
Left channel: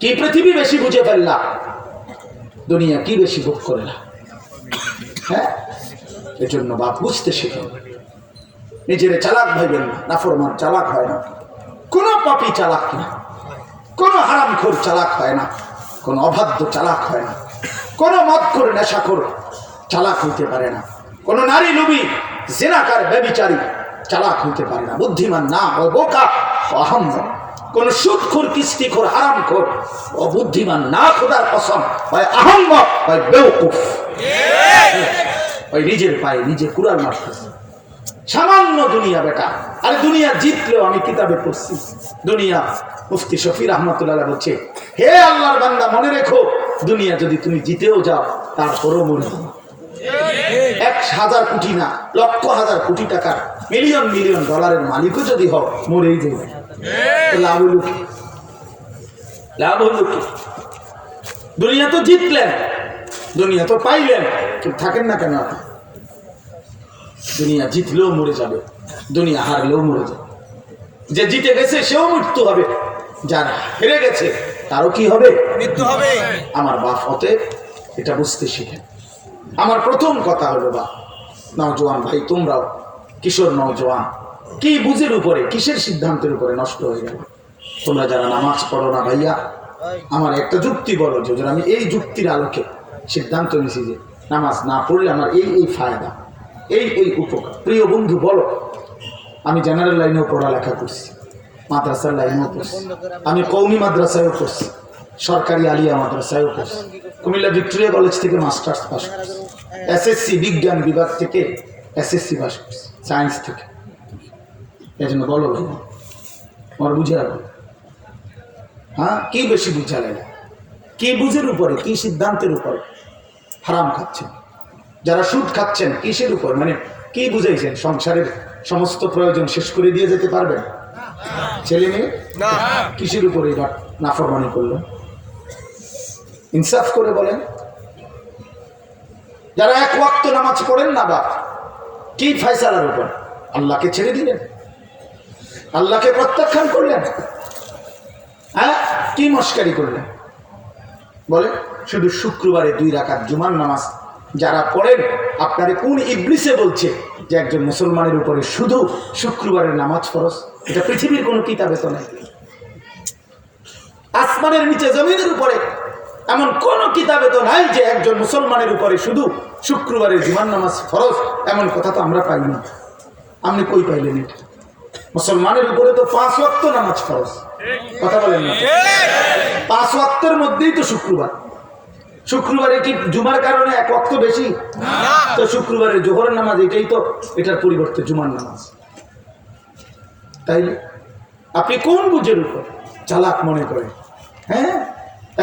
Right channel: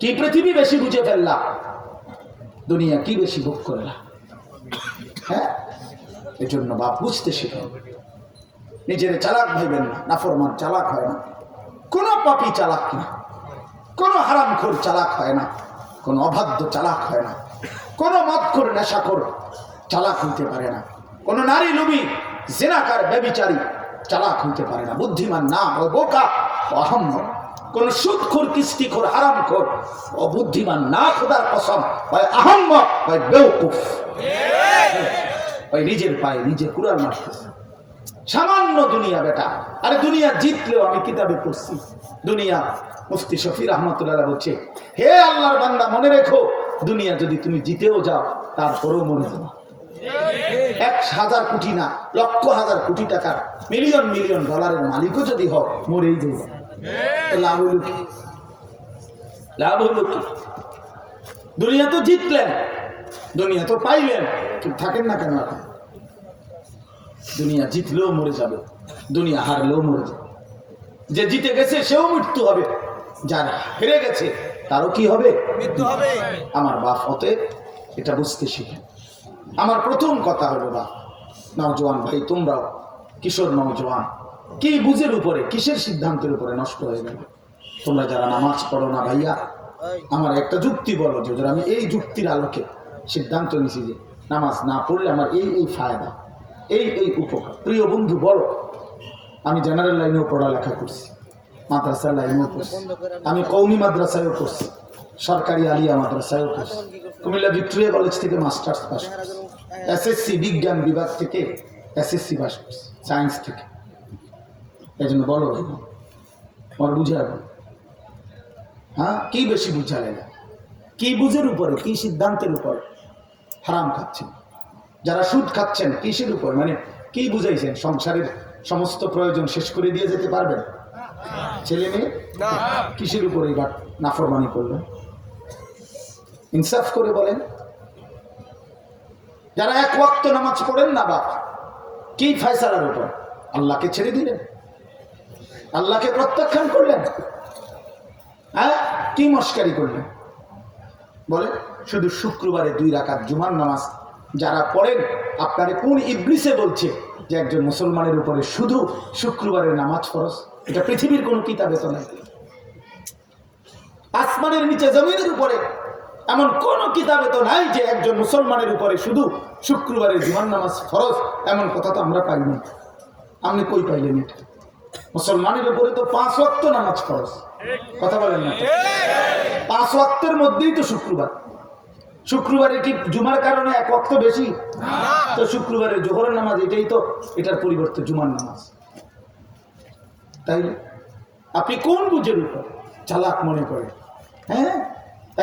কি পৃথিবী বেশি বুঝে ফেললা? দুনিয়া কি বেশি ভোগ করে না? হ্যাঁ, এজন্য বাপ বুঝতে শিখেন, নিজের চালাক ভাইবেন না। নাফরমান চালাক হয় না, কোনো পাপী চালাক না, কোনো হারামখোর চালাক হয় না, কোনো অবাধ্য চালাক হয় না, কোনো মদখোর নেশাখোর চালাক হইতে পারে না, কোনো নারী লোভী জিনাকার ব্যভিচারী চালাক হইতে পারে না। বুদ্ধিমান না ও বোকা ও আহম্মক। কোন সুদখোর কিস্তিখোর হারামখোর ও বুদ্ধিমান না, খোদার কসম, হয় আহম্মক হয় বেওকুফ। ওই নিজের পায়ে নিজে কুড়াল মারতেছে। সামান্য দুনিয়া বেটা, আরে দুনিয়া জিতলেও আমি কিতাবে পড়ছি, দুনিয়া মুফতি শফি রহমতুল্লাহ বলছে, হে আল্লাহর বান্দা মনে রেখো, দুনিয়া যদি তুমি জিতেও যাও তারপরও মরে যাবে। 1,000 কোটি না, লক্ষ হাজার কোটি টাকার মিলিয়ন মিলিয়ন ডলারের মালিকও যদি হোক মরেই যাবে। লাভ হইল কি? লাভ হইল কি? দুনিয়া তো জিতলেন, দুনিয়া তো পাইলেন, কিন্তু থাকেন না কেন? দুনিয়া জিতলেও মরে যাবে, দুনিয়া হারলেও মরে যাবে। যে জিতে গেছে সেও মৃত্যু হবে, যার হেরে গেছে তারও কি হবে? মৃত্যু হবে। আমার বাপ হতে এটা বুঝতে শিখেন। আমার প্রথম কথা হলো, বা নওজোয়ান ভাই, তোমরাও কিশোর নওজোয়ান, কি বুঝের উপরে, কিসের সিদ্ধান্তের উপরে নষ্ট হয়ে গেল? তোমরা যারা নামাজ পড়ো না ভাইয়া, আমার একটা যুক্তি বলো, যে আমি এই যুক্তির আলোকে সিদ্ধান্ত নিয়েছি যে নামাজ না পড়লে আমার এই এই ফায়দা, এই এই উপকার। প্রিয় বন্ধু বলো, আমি জেনারেল লাইনেও পড়ালেখা করছি, মাদ্রাসার লাইনেও পড়ছি, আমি কওমি মাদ্রাসায়ও পড়ছি, সরকারি আলিয়া মাদ্রাসায়ও পড়ছি, কুমিল্লা ভিক্টোরিয়া কলেজ থেকে মাস্টার্স পাস করছি, এসএসসি বিজ্ঞান বিভাগ থেকে এসএসসি পাস করছি, সায়েন্স থেকে। এই জন্য বলো ভাই, আমার বুঝে আলো, হ্যাঁ কি বেশি বুঝালে না? কি বুঝের উপরে, কি সিদ্ধান্তের উপরে হারাম খাচ্ছেন? যারা সুদ খাচ্ছেন কিসের উপর, মানে কি বুঝাইছেন? সংসারের সমস্ত প্রয়োজন শেষ করে দিয়ে যেতে পারবেন ছেলে মেয়ে? কিসের উপরে এবার নাফরমানি করলেন? ইনসাফ করে বলেন। যারা এক ওয়াক্ত নামাজ পড়েন না বাপ, কি ফয়সালার উপর? আল্লাহকে ছেড়ে দিলেন, আল্লাহকে প্রত্যাখ্যান করলেন, হ্যাঁ কি মস্কারি করলেন বলে? শুধু শুক্রবারে 2 রাকাত জুমার নামাজ যারা পড়েন, আপনারে কোন ইবলিসে বলছে যে একজন মুসলমানের উপরে শুধু শুক্রবারের নামাজ ফরজ? এটা পৃথিবীর কোনো কিতাবে তো নাই, আসমানের নিচে জমিনের উপরে এমন কোন কিতাবে তো নাই যে একজন মুসলমানের উপরে শুধু শুক্রবারের জুমার নামাজ ফরজ। এমন কথা তো আমরা পাই না। আপনি কই পাইলেন এটা? মুসলমানের উপরে তো 5 ওয়াক্ত নামাজ ফরজ, কথা বলেন না? 5 ওয়াক্তের মধ্যেই তো শুক্রবার। শুক্রবারে কি জুমার কারণে 1 ওয়াক্ত বেশি? তো শুক্রবারের জোহরের নামাজ এটাই তো, এটার পরিবর্তে জুমার নামাজ। তাই আপনি কোন বুঝের উপর চালাক মনে করেন? হ্যাঁ,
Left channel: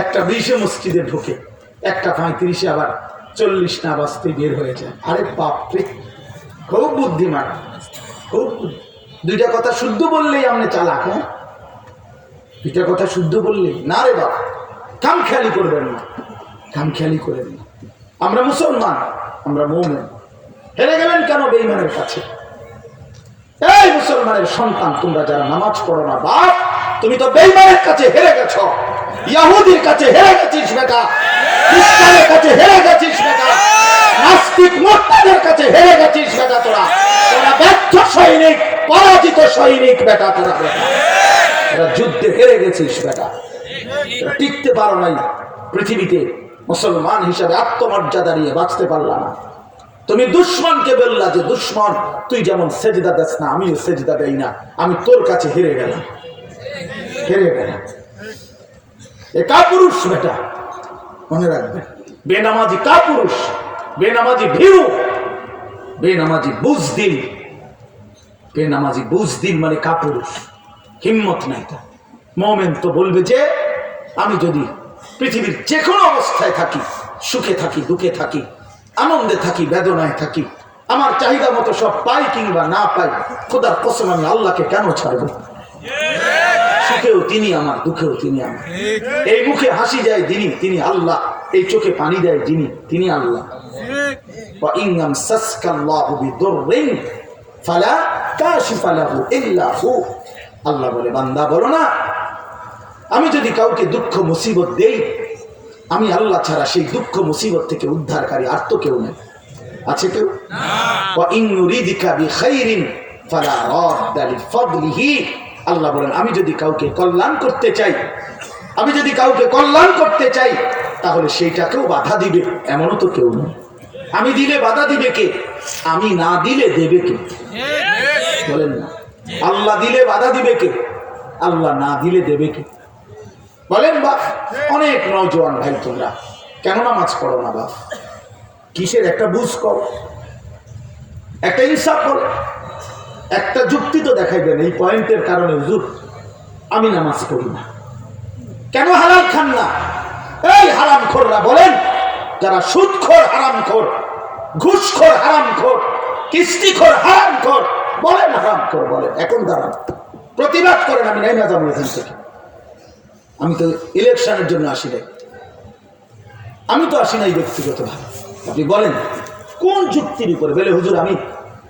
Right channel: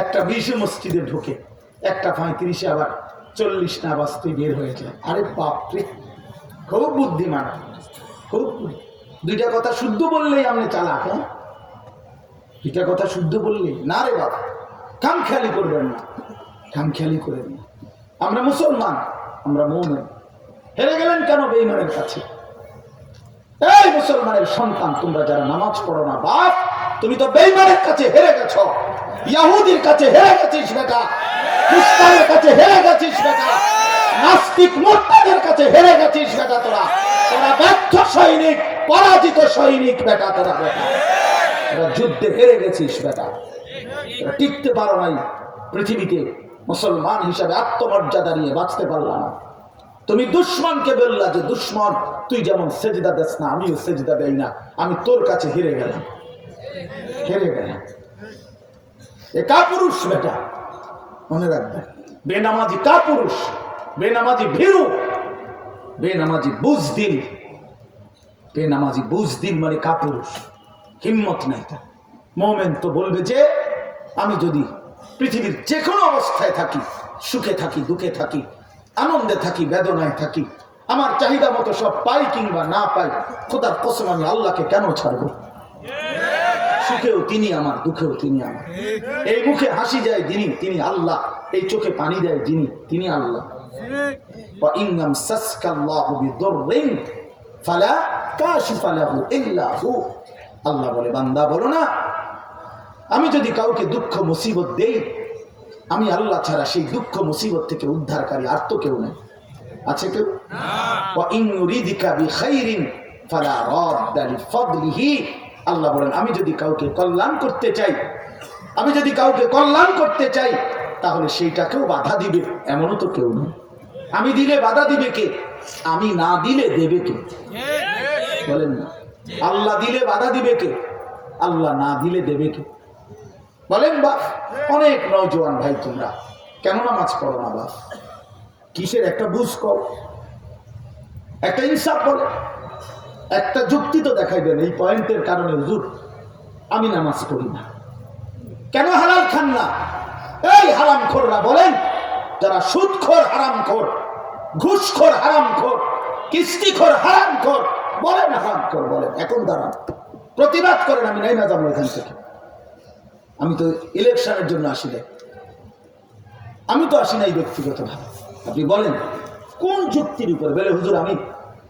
একটা 20-এ মসজিদে ঢোকে, একটা 35-এ আবার 40 না বাজতে বের হয়ে যায়। আরে বাপরে, খুব বুদ্ধিমান, খুব। 2টা কথা শুদ্ধ বললেই আপনি চালাক। হ্যাঁ, 2টা কথা শুদ্ধ বললেই না রে বাপ, খামখেয়ালি করবেন না, খামখেয়ালি করেন না। আমরা মুসলমান, আমরা মুমিন। হেরে গেলেন কেন বেঈমানের কাছে? এই মুসলমানের সন্তান, তোমরা যারা নামাজ পড়ো না বাপ, তুমি তো বেঈমানের কাছে হেরে গেছো, ইহুদির কাছে হেরে গেছিস বেটা, খ্রিস্টানের কাছে হেরে গেছিস বেটা, নাস্তিক মুরতাদের কাছে হেরে গেছিস বেটা। তোরা ব্যর্থ সৈনিক, পরাজিত সৈনিক বেটা, তোরা যুদ্ধে হেরে গেছিস বেটা, টিকতে পারো নাই পৃথিবীতে, মুসলমান হিসাবে আত্মমর্যাদা নিয়ে বাঁচতে পারলা না। তুমি দুশ্মনকে বললা যে দুশ্মন তুই যেমন সেজদা দেস না, আমিও সেজদা দেই না, আমি তোর কাছে হেরে গেলাম, হেরে গেলাম। এ কাপুরুষ বেটা, মনে রাখবে। বেনামাজি কাপুরুষ, বেনামাজি ভীরু, বেনামাজি বুজদিল। বেনামাজি বুজদিল মানে কাপুরুষ, হিম্মত নাই তার। মুমিন তো বলবে যে আমি যদি পৃথিবীর যে কোনো অবস্থায় থাকি, সুখে থাকি, দুঃখে থাকি, আনন্দে থাকি, বেদনায় থাকি, আমার চাহিদা মতো সব পাই কিংবা না পাই, খোদার কসম আমি আল্লাহকে কেন ছাড়ব? সুখেও তিনি আমার, দুঃখেও তিনি আমার। এই মুখে হাসি যায় যিনি, তিনি আল্লাহ। এই চোখে পানি দেয় যিনি, তিনি আল্লাহ। আল্লাহ বলে, বান্দা বলো না, আমি যদি কাউকে দুঃখ মুসিবত দেই, আমি আল্লাহ ছাড়া সেই দুঃখ মুসিবত থেকে উদ্ধারকারী আর তো কেউ নেই। আছে কেউ? ওয়া ইন নুরিদিকা বিখাইরিন ফালা রাদ্দা লিফাদলিহি। আল্লাহ বলেন আমি যদি কাউকে কল্যাণ করতে চাই, আমি যদি কাউকে কল্যাণ করতে চাই তাহলে সেইটাকেও বাধা দিবে এমনও তো কেউ নয়। আমি দিলে বাধা দিবে কে? আমি না দিলে দেবে কে? বলেন না। আল্লাহ দিলে বাধা দিবে কে? আল্লাহ না দিলে দেবে কে? বলেন বাপ। অনেক নওজোয়ান ভাই তোমরা কেন নামাজ পড়ো না বাপ? কিসের একটা বুঝ করো, একটা ইনসাফ বলে, একটা যুক্তি তো দেখাইবেন এই পয়েন্টের কারণে হুজুর আমি নামাজ পড়ি না। কেন হালাল খান না? এই হারামখোররা বলেন, যারা সুদখোর হারামখোর, ঘুষখোর হারামখোর, কিস্তিখোর হারামখোর, বলেন হারামখোর বলেন, এখন দাঁড়ান প্রতিবাদ করেন। আমি নাই না যাবো এখান থেকে। আমি তো ইলেকশনের জন্য আসি নাই, আমি তো আসি নাই ব্যক্তিগতভাবে। আপনি বলেন কোন যুক্তির উপরে? বলে হুজুর আমি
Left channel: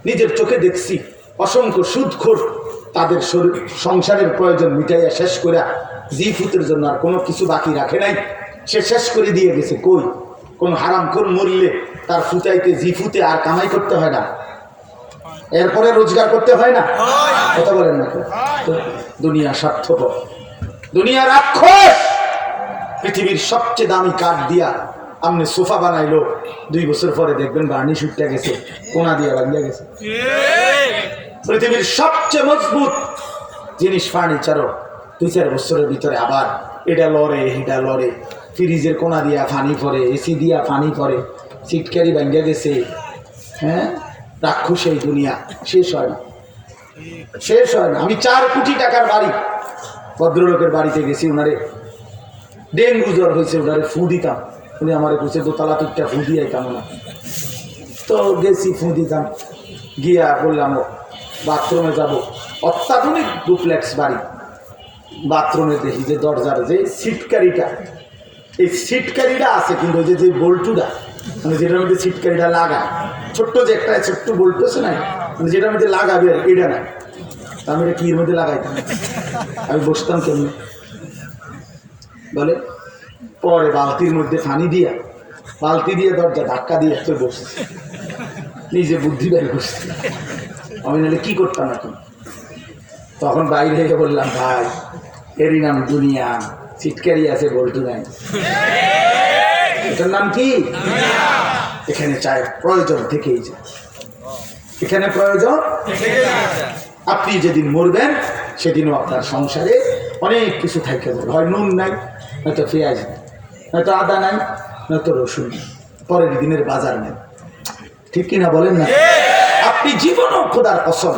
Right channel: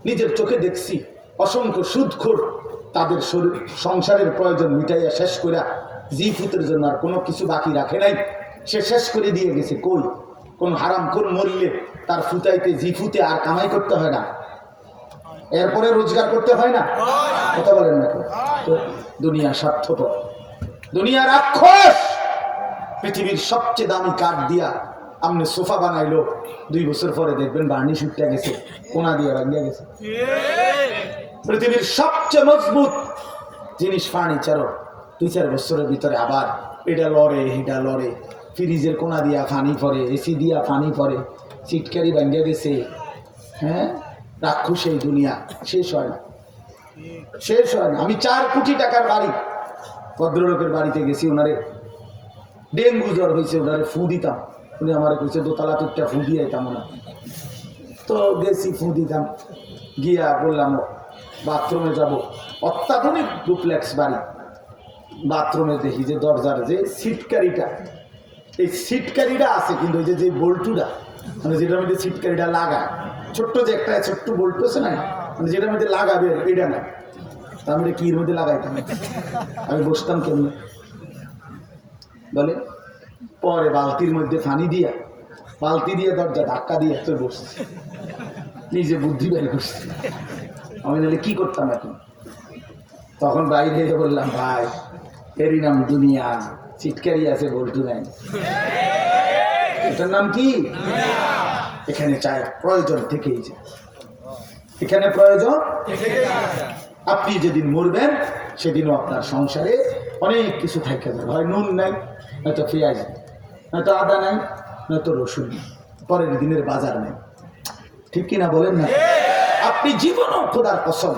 নিজের চোখে দেখছি অসংখ্য সুদখোর তাদের সংসারের প্রয়োজন মিটাইয়া শেষ করে জিফুতের জন্য আর কোনো কিছু বাকি রাখে নাই, সে শেষ করে দিয়ে গেছে। কই কোন হারামখোর মরলে তার ফুটাইতে জিফুতে আর কামাই করতে হয় না, এরপরে রোজগার করতে হয় না? কথা বলেন না? দুনিয়া স্বার্থপর, দুনিয়া রাক্ষস। পৃথিবীর সবচেয়ে দামি কাঠ দিয়া আপনি সোফা বানাইলো, 2 বছর পরে দেখবেন বার্নিশ উঠতে গেছে, কোনা দিয়া ভাঙিয়া গেছে। পৃথিবীর সবচেয়ে মজবুত জিনিস ফার্নিচারও 2-4 বছরের ভিতরে আবার এটা লড়ে, এটা লড়ে, ফ্রিজের কোনা দিয়া ফানি পরে, এসি দিয়া ফানি পরে, সিটকারি ভাঙিয়া গেছে। হ্যাঁ, রাক্ষস এই দুনিয়া, শেষ হয় না, শেষ হয় না। আমি 4 কোটি টাকার বাড়ি ভদ্রলোকের বাড়িতে গেছি, ওনারে ডেঙ্গু জ্বর হয়েছে, ওনারে ফু দিতাম। উনি আমার কুছে দোতলা তুইটা ফু দিয়ে আইতাম না, তো গেছি ফু দিতাম। গিয়া বললাম বাথরুমে যাব, অত্যাধুনিক ডুপ্লেক্স বাড়ি। বাথরুমে দেখি যে দরজার যে সিটকারিটা, এই সিটকারিটা আছে, কিন্তু ওই যে বল্টুটা মানে যেটার মধ্যে সিটকারিটা লাগায়, ছোট্ট যে একটা ছোট্ট বল্টু আছে না, মানে যেটার মধ্যে লাগাবে এটা নাই। আমি এটা কির মধ্যে লাগাইতাম, আমি বসতাম কেমনি বলে। পরে বালতির মধ্যে পানি দিয়া, বালতি দিয়ে দরজা ধাক্কা দিয়ে তো বসে নিজে বুদ্ধি বের করছে। আমি নাহলে কি করতাম এখন? তখন বাইরে বললাম ভাই এরই নাম দুনিয়া, সিটকারি আছে বল্টু নাই, এটার নাম কি? এখানে চাই প্রয়োজন থেকেই যায়, এখানে প্রয়োজন। আপনি যেদিন মরবেন সেদিনও আপনার সংসারে অনেক কিছু থাকতে যাবে। হয় নুন নাই, নয়তো পেঁয়াজ নেই, নয়তো আদা নাই, নয়তো রসুন নেই, পরের দিনের বাজার নেই। ঠিক কিনা বলেন না? আপনি জীবনও খোদার কসম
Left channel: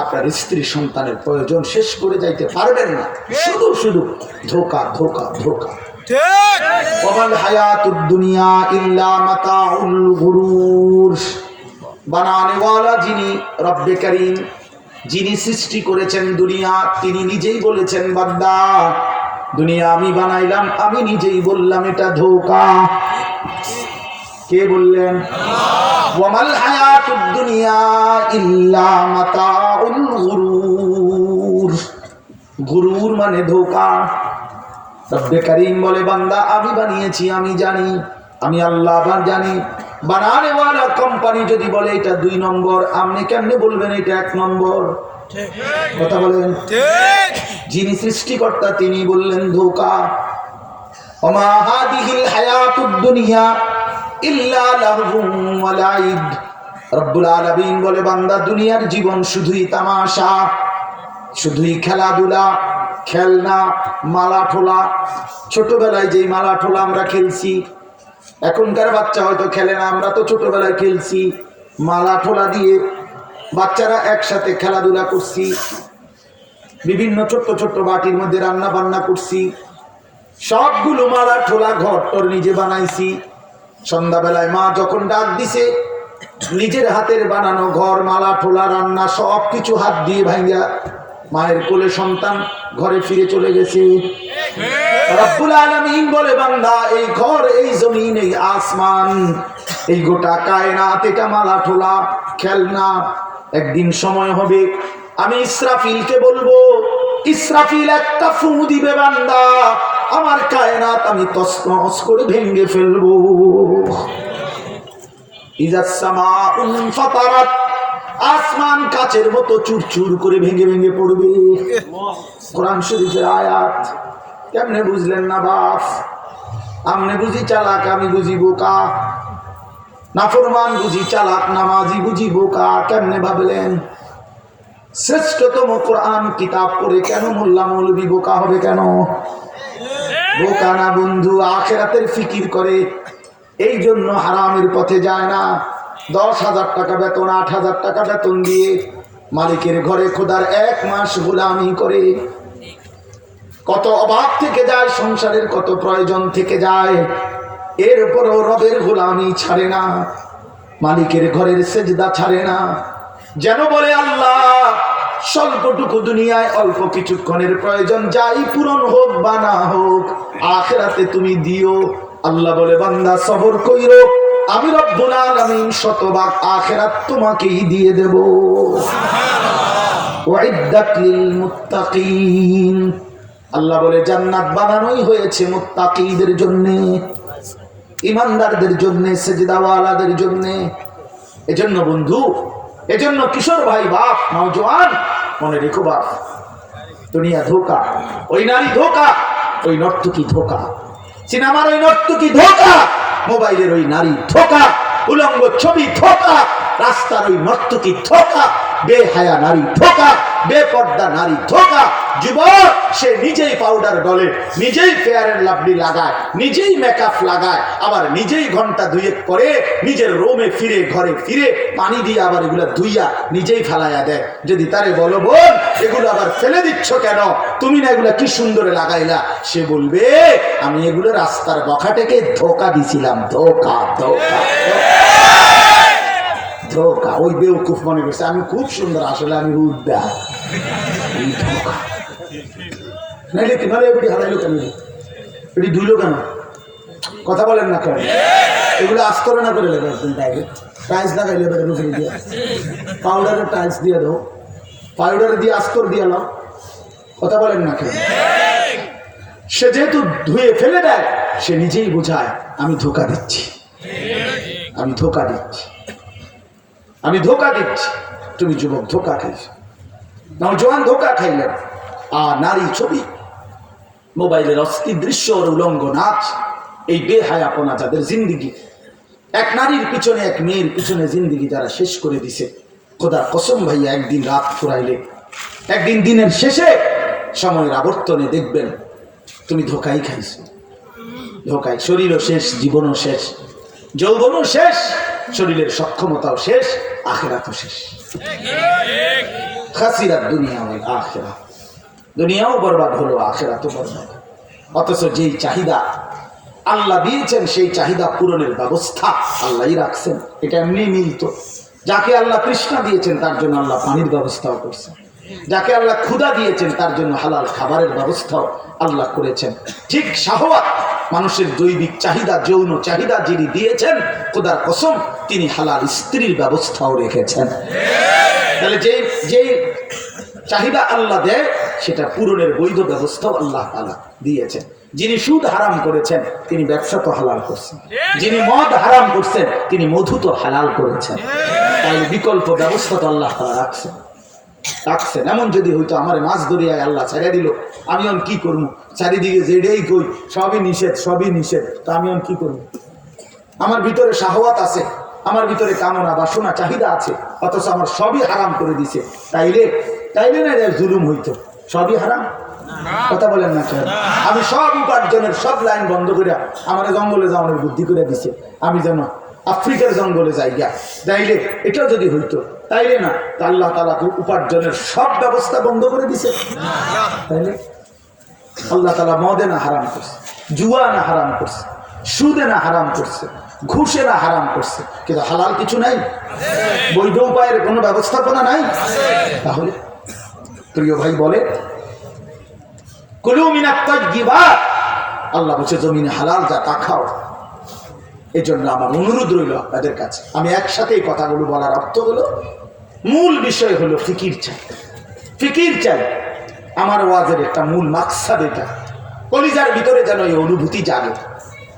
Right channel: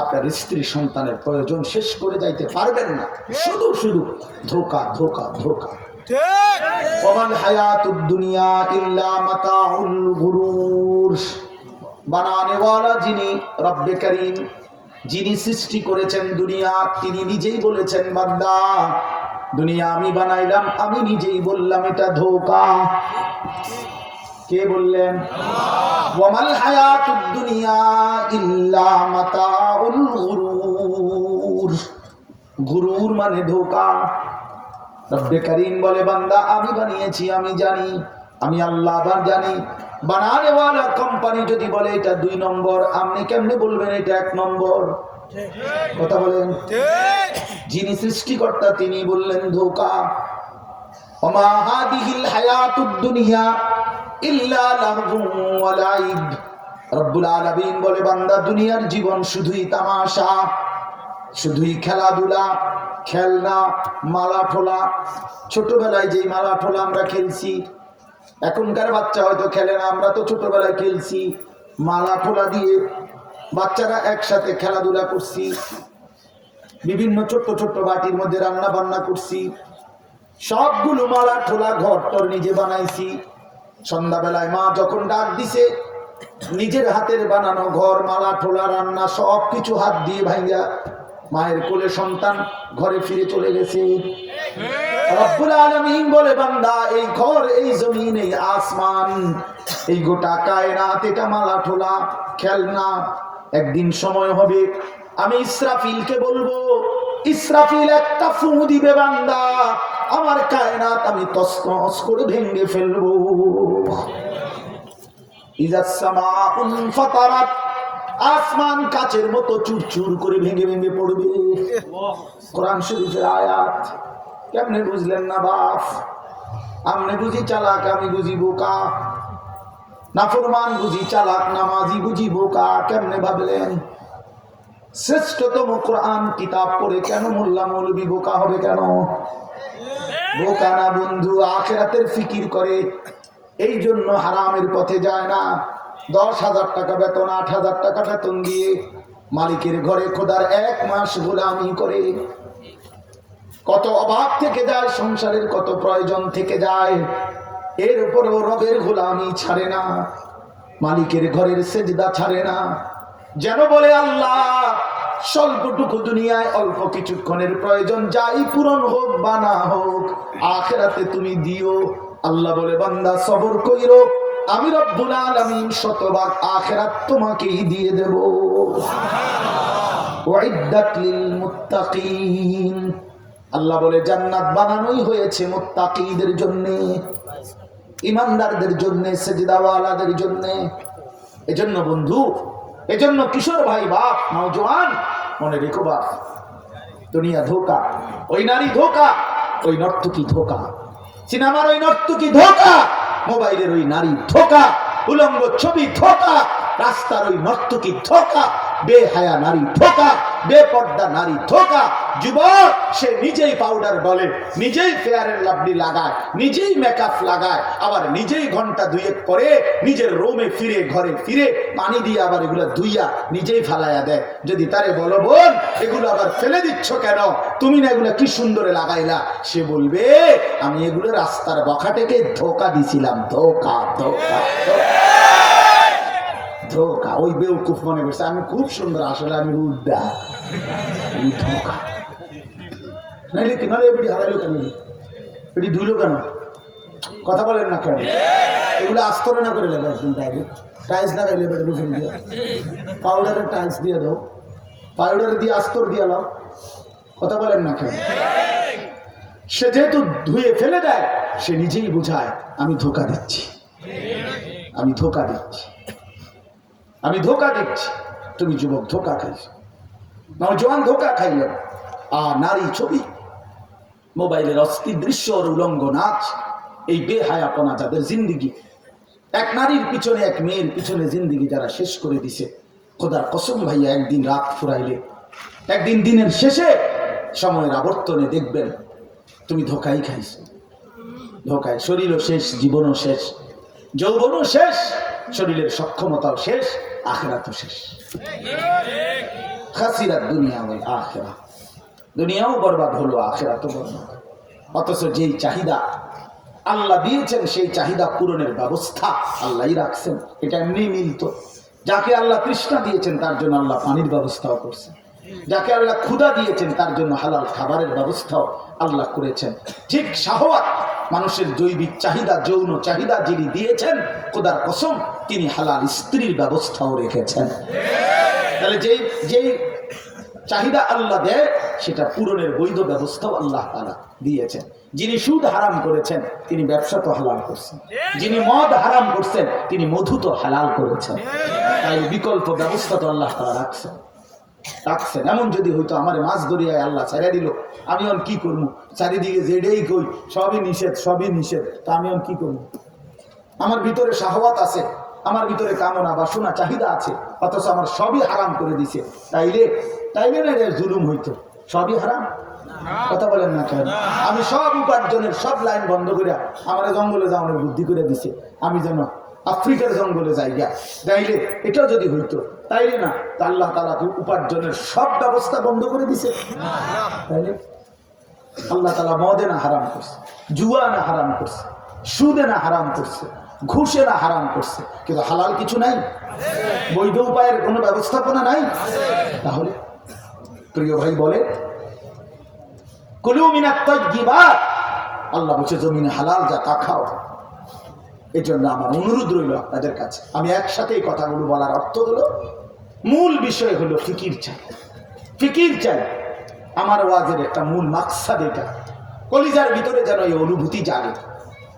আপনার স্ত্রী সন্তানের প্রয়োজন শেষ করে যাইতে পারবেন না। শুধু শুধু ধোকা ধোকা ধোকা। ওয়াল হায়াতুদ দুনিয়া ইল্লা মাতাউল গুরুর। বানানেওয়ালা যিনি রব্বে করিম, যিনি সৃষ্টি করেছেন দুনিয়া, তিনি নিজেই বলেছেন বান্দা দুনিয়া আমি বানাইলাম, আমি নিজেই বললাম এটা ধোঁকা। কে বললেন? ওয়ামাল হায়াতুদ দুনিয়া ইল্লা মাতাউল গুরুর। গুরুর মানে ধোঁকা। রব্বে করিম বলে বান্দা আমি বানিয়েছি, আমি জানি, আমি আল্লাহ আবার জানি। বানানেওয়ালা কোম্পানি যদি বলে এটা 2 নম্বর, আপনি কেমনে বলবেন এটা 1 নম্বর? কথা বলেন। যিনি সৃষ্টিকর্তা তিনি বললেন ধোঁকা। ওমা হাদিহিল হায়াতুদ দুনিয়া ইল্লা লাহবুন ওয়া লাইব। রব্বুল আলামিন বলে বান্দা দুনিয়ার জীবন শুধুই তামাশা, শুধুই খেলাধুলা, খেলনা, মালা ঠোলা। ছোটবেলায় যেই মালা ঠোলা আমরা খেলছি, এখনকার বাচ্চা হয়তো খেলে না, আমরা তো ছোটবেলায় খেলছি মালা ঠোলা দিয়ে। বাচ্চারা একসাথে খেলাধুলা করছি, বিভিন্ন ছোট্ট ছোট্ট বাটির মধ্যে রান্না বান্না করছি, সবগুলো মালা ঠোলা ঘর টর নিজে বানাইছি। সন্ধ্যাবেলায় মা যখন ডাক দিছে, নিজের হাতের বানানো ঘর, মালা ঠোলা, রান্না সব কিছু হাত দিয়ে ভাঙ্গা মায়ের কোলে সন্তান ঘরে ফিরে চলে গেছে। রব্বুল আলামিন বলে বান্দা এই ঘর, এই জমিন, এই আসমান, এই গোটা কায়নাত এটা মালা ঠোলা, খেলনা। একদিন সময় হবে আমি ইসরাফিলকে বলবো, ইসরাফিল একটা ফু দিবে বান্দা, আমার কায়নাত আমি তছনছ করে ভেঙে ফেলবো। ইজাস সামাউ ফাতারাত, আসমান কাচের মতো চুরচুর করে ভেঙে ভেঙে পড়বে। কোরআন শরীফের আয়াত। কেমনে বুঝলেন না বাপ? আমনে বুঝি চালাক, আমি বুঝি বোকা। নাফরমান বুঝি চালাক, নামাজি বুঝি বোকা। কেমনে ভাবলেন? শ্রেষ্ঠতম কোরআন কিতাব পড়ে কেন মোল্লা মৌলবি বোকা হবে? কেন বোকা না বন্ধু, আখিরাতের ফিকির করে। এই জন্য হারামের পথে যায় না। 10,000 টাকা বেতন, 8,000 টাকা বেতন দিয়ে মালিকের ঘরে খোদার 1 মাস গোলামি করে। কত অভাব থেকে যায়, সংসারের কত প্রয়োজন থেকে যায়, এরপরও রবের গোলামি ছাড়ে না, মালিকের ঘরের সেজদা ছাড়ে না। যেন বলে আল্লাহ, স্বল্পটুকু দুনিয়ায় অল্প কিছুক্ষণের প্রয়োজন, যাই পূরণ হোক বা না হোক, আখিরাতে তুমি দিও। আল্লাহ বলে, বান্দা সবর কইরো, আমি রব্বুল আলামিন শতভাগ আখিরাত তোমাকেই দিয়ে দেব। ওয়াইদ্দাত লিল মুত্তাকিন, আল্লাহ বলে জান্নাত বানানোই হয়েছে মুত্তাকিদের জন্য, ইমানদারদের জন্য, সেজদাওয়ালাদের জন্য। এজন্য বন্ধু, এজন্য কিশোর ভাই, বাপ, নওজোয়ান, মনে রেখো বাপ, দুনিয়া ধোকা, ওই নারী ধোকা, ওই নর্তকী ধোকা, সিনেমার ওই নর্তকী ধোকা, মোবাইলের ওই নারী ধোকা, উলঙ্গ ছবি ধোকা, রাস্তার ওই নর্তকী ধোকা, বেহায়া নারী ধোকা, বেপর্দা নারী ধোকা। যুবক সে নিজেই পাউডার ডলে, নিজেই ফেয়ার এন্ড লাভলি লাগায়, নিজেই মেকআপ লাগায়, আবার নিজেই ঘন্টা 2 পরে নিজের রুমে ফিরে, ঘরে ফিরে পানি দিয়ে আবার এগুলা ধুইয়া নিজেই ফেলাইয়া দেয়। যদি তারে বলো, বোন এগুলো আবার ফেলে দিচ্ছ কেন, তুমি না এগুলা কি সুন্দরে লাগাইলা, সে বলবে, আমি এগুলো রাস্তার বখাটেকে ধোকা দিছিলাম। ধোকা ধোকা ধোকা। ওই বেউকুফ মনে করছে আমি খুব সুন্দর, আসলে আমি উদ্দা। নাইলে কি নাহলে এবারে হারাইলো কেন, এটি ধুইলো কেন? কথা বলেন না কেন? এগুলো আস্তরে না করে লাগে, টাইলস লাগাইলে এবারে রুফে দিয়ে পাউডারের টাইলস দিয়ে দাও, পাউডার দিয়ে আস্তর দিয়ে নাও। কথা বলেন না কেন? সে যেহেতু ধুয়ে ফেলে দেয়, সে নিজেই বোঝায় আমি ধোকা দিচ্ছি, আমি ধোকা দিচ্ছি, আমি ধোকা দিচ্ছি। তুমি যুবক ধোকা খাইছ, নওজোয়ান ধোকা খাইলেন। আর নারী ছবি, মোবাইলের অস্থির দৃশ্য, উলঙ্গ নাচ, এই বেহায়াপনা যাদের জিন্দিগি, এক নারীর পিছনে, এক মেয়ের পিছনে জিন্দিগি যারা শেষ করে দিছে, খোদার কসম ভাইয়া, একদিন রাত ফুরাইলে, একদিন দিনের শেষে, সময়ের আবর্তনে দেখবেন তুমি ধোকাই খাইছ। ধোকায় শরীরও শেষ, জীবনও শেষ, যৌবনও শেষ, শরীরের সক্ষমতাও শেষ, আখিরাতও শেষ। খাসিরাত দুনিয়া ওয়াল আখিরাহ, দুনিয়াও বরবাদ হলো, আখিরাতও বরবাদ। অথচ যেই চাহিদা আল্লাহ দিয়েছেন, সেই চাহিদা পূরণের ব্যবস্থা আল্লাহই রাখছেন। এটা এমনি মিলত। যাকে আল্লাহ তৃষ্ণা দিয়েছেন তার জন্য আল্লাহ পানির ব্যবস্থাও করছেন, যাকে আল্লাহ ক্ষুধা দিয়েছেন তার জন্য হালাল খাবারের ব্যবস্থাও আল্লাহ করেছেন। ঠিক শাহওয়াত, মানুষের জৈবিক চাহিদা, যৌন চাহিদা যিনি দিয়েছেন, খোদার কসম তিনি হালাল স্ত্রীর ব্যবস্থাও রেখেছেন। তাহলে যেই চাহিদা আল্লাহ দেয়, সেটা পূরণের বৈধ ব্যবস্থাও আল্লাহ তাআলা দিয়েছেন। যিনি সুদ হারাম করেছেন, তিনি ব্যবসা তো হালাল করছেন। যিনি মদ হারাম করছেন, তিনি মধু তো হালাল করেছেন। তাই বিকল্প ব্যবস্থা তো আল্লাহ তাআলা রাখছেন। এমন যদি হইতো আমার মাছ দরিয়ায় আল্লাহ ছেড়ে দিল, আমি এখন কি করবো? চারিদিকে যেটাই কই সবই নিষেধ, সবই নিষেধ, তা আমি এখন কি করবো? আমার ভিতরে শাহওয়াত আছে, আমার ভিতরে কামনা বাসনা চাহিদা আছে, অথচ আমার সবই হারাম করে দিছে। তাইলে না এটা জুলুম হইতো? সবই হারাম। কথা বলেন না কেন? আমি সব উপার্জনের সব লাইন বন্ধ করে আমার জঙ্গলে যাওয়ানোর বুদ্ধি করে দিছে, আমি যেন আফ্রিকার জঙ্গলে যাই গা। তাইলে এটাও যদি হইতো, তাইলে না তা আল্লাহ তাআলা উপার্জনের সব ব্যবস্থা বন্ধ করে দিছে। তাইলে আল্লাহ তাআলা মদে না হারাম করছে, জুয়া না হারাম করছে, সুদে না হারাম করছে, ঘুষে না হারাম করছে, কিন্তু হালাল কিছু নাই? বৈধ উপায়ের কোনো ব্যবস্থাপনা নাই? তাহলে প্রিয় ভাই বলে, কুলু মিনাত তাইয়্যিবাত, আল্লাহ বলছে জমিনে হালাল যা তা খাও। এই জন্য আমার অনুরোধ রইল আপনাদের কাছে, আমি একসাথে এই কথাগুলো বলার অর্থ হলো, মূল বিষয় হলো ফিকির চাই, ফিকির চাই। আমার ওয়াজের একটা মূল মাকসাদ এটা, কলিজার ভিতরে যেন এই অনুভূতি জাগে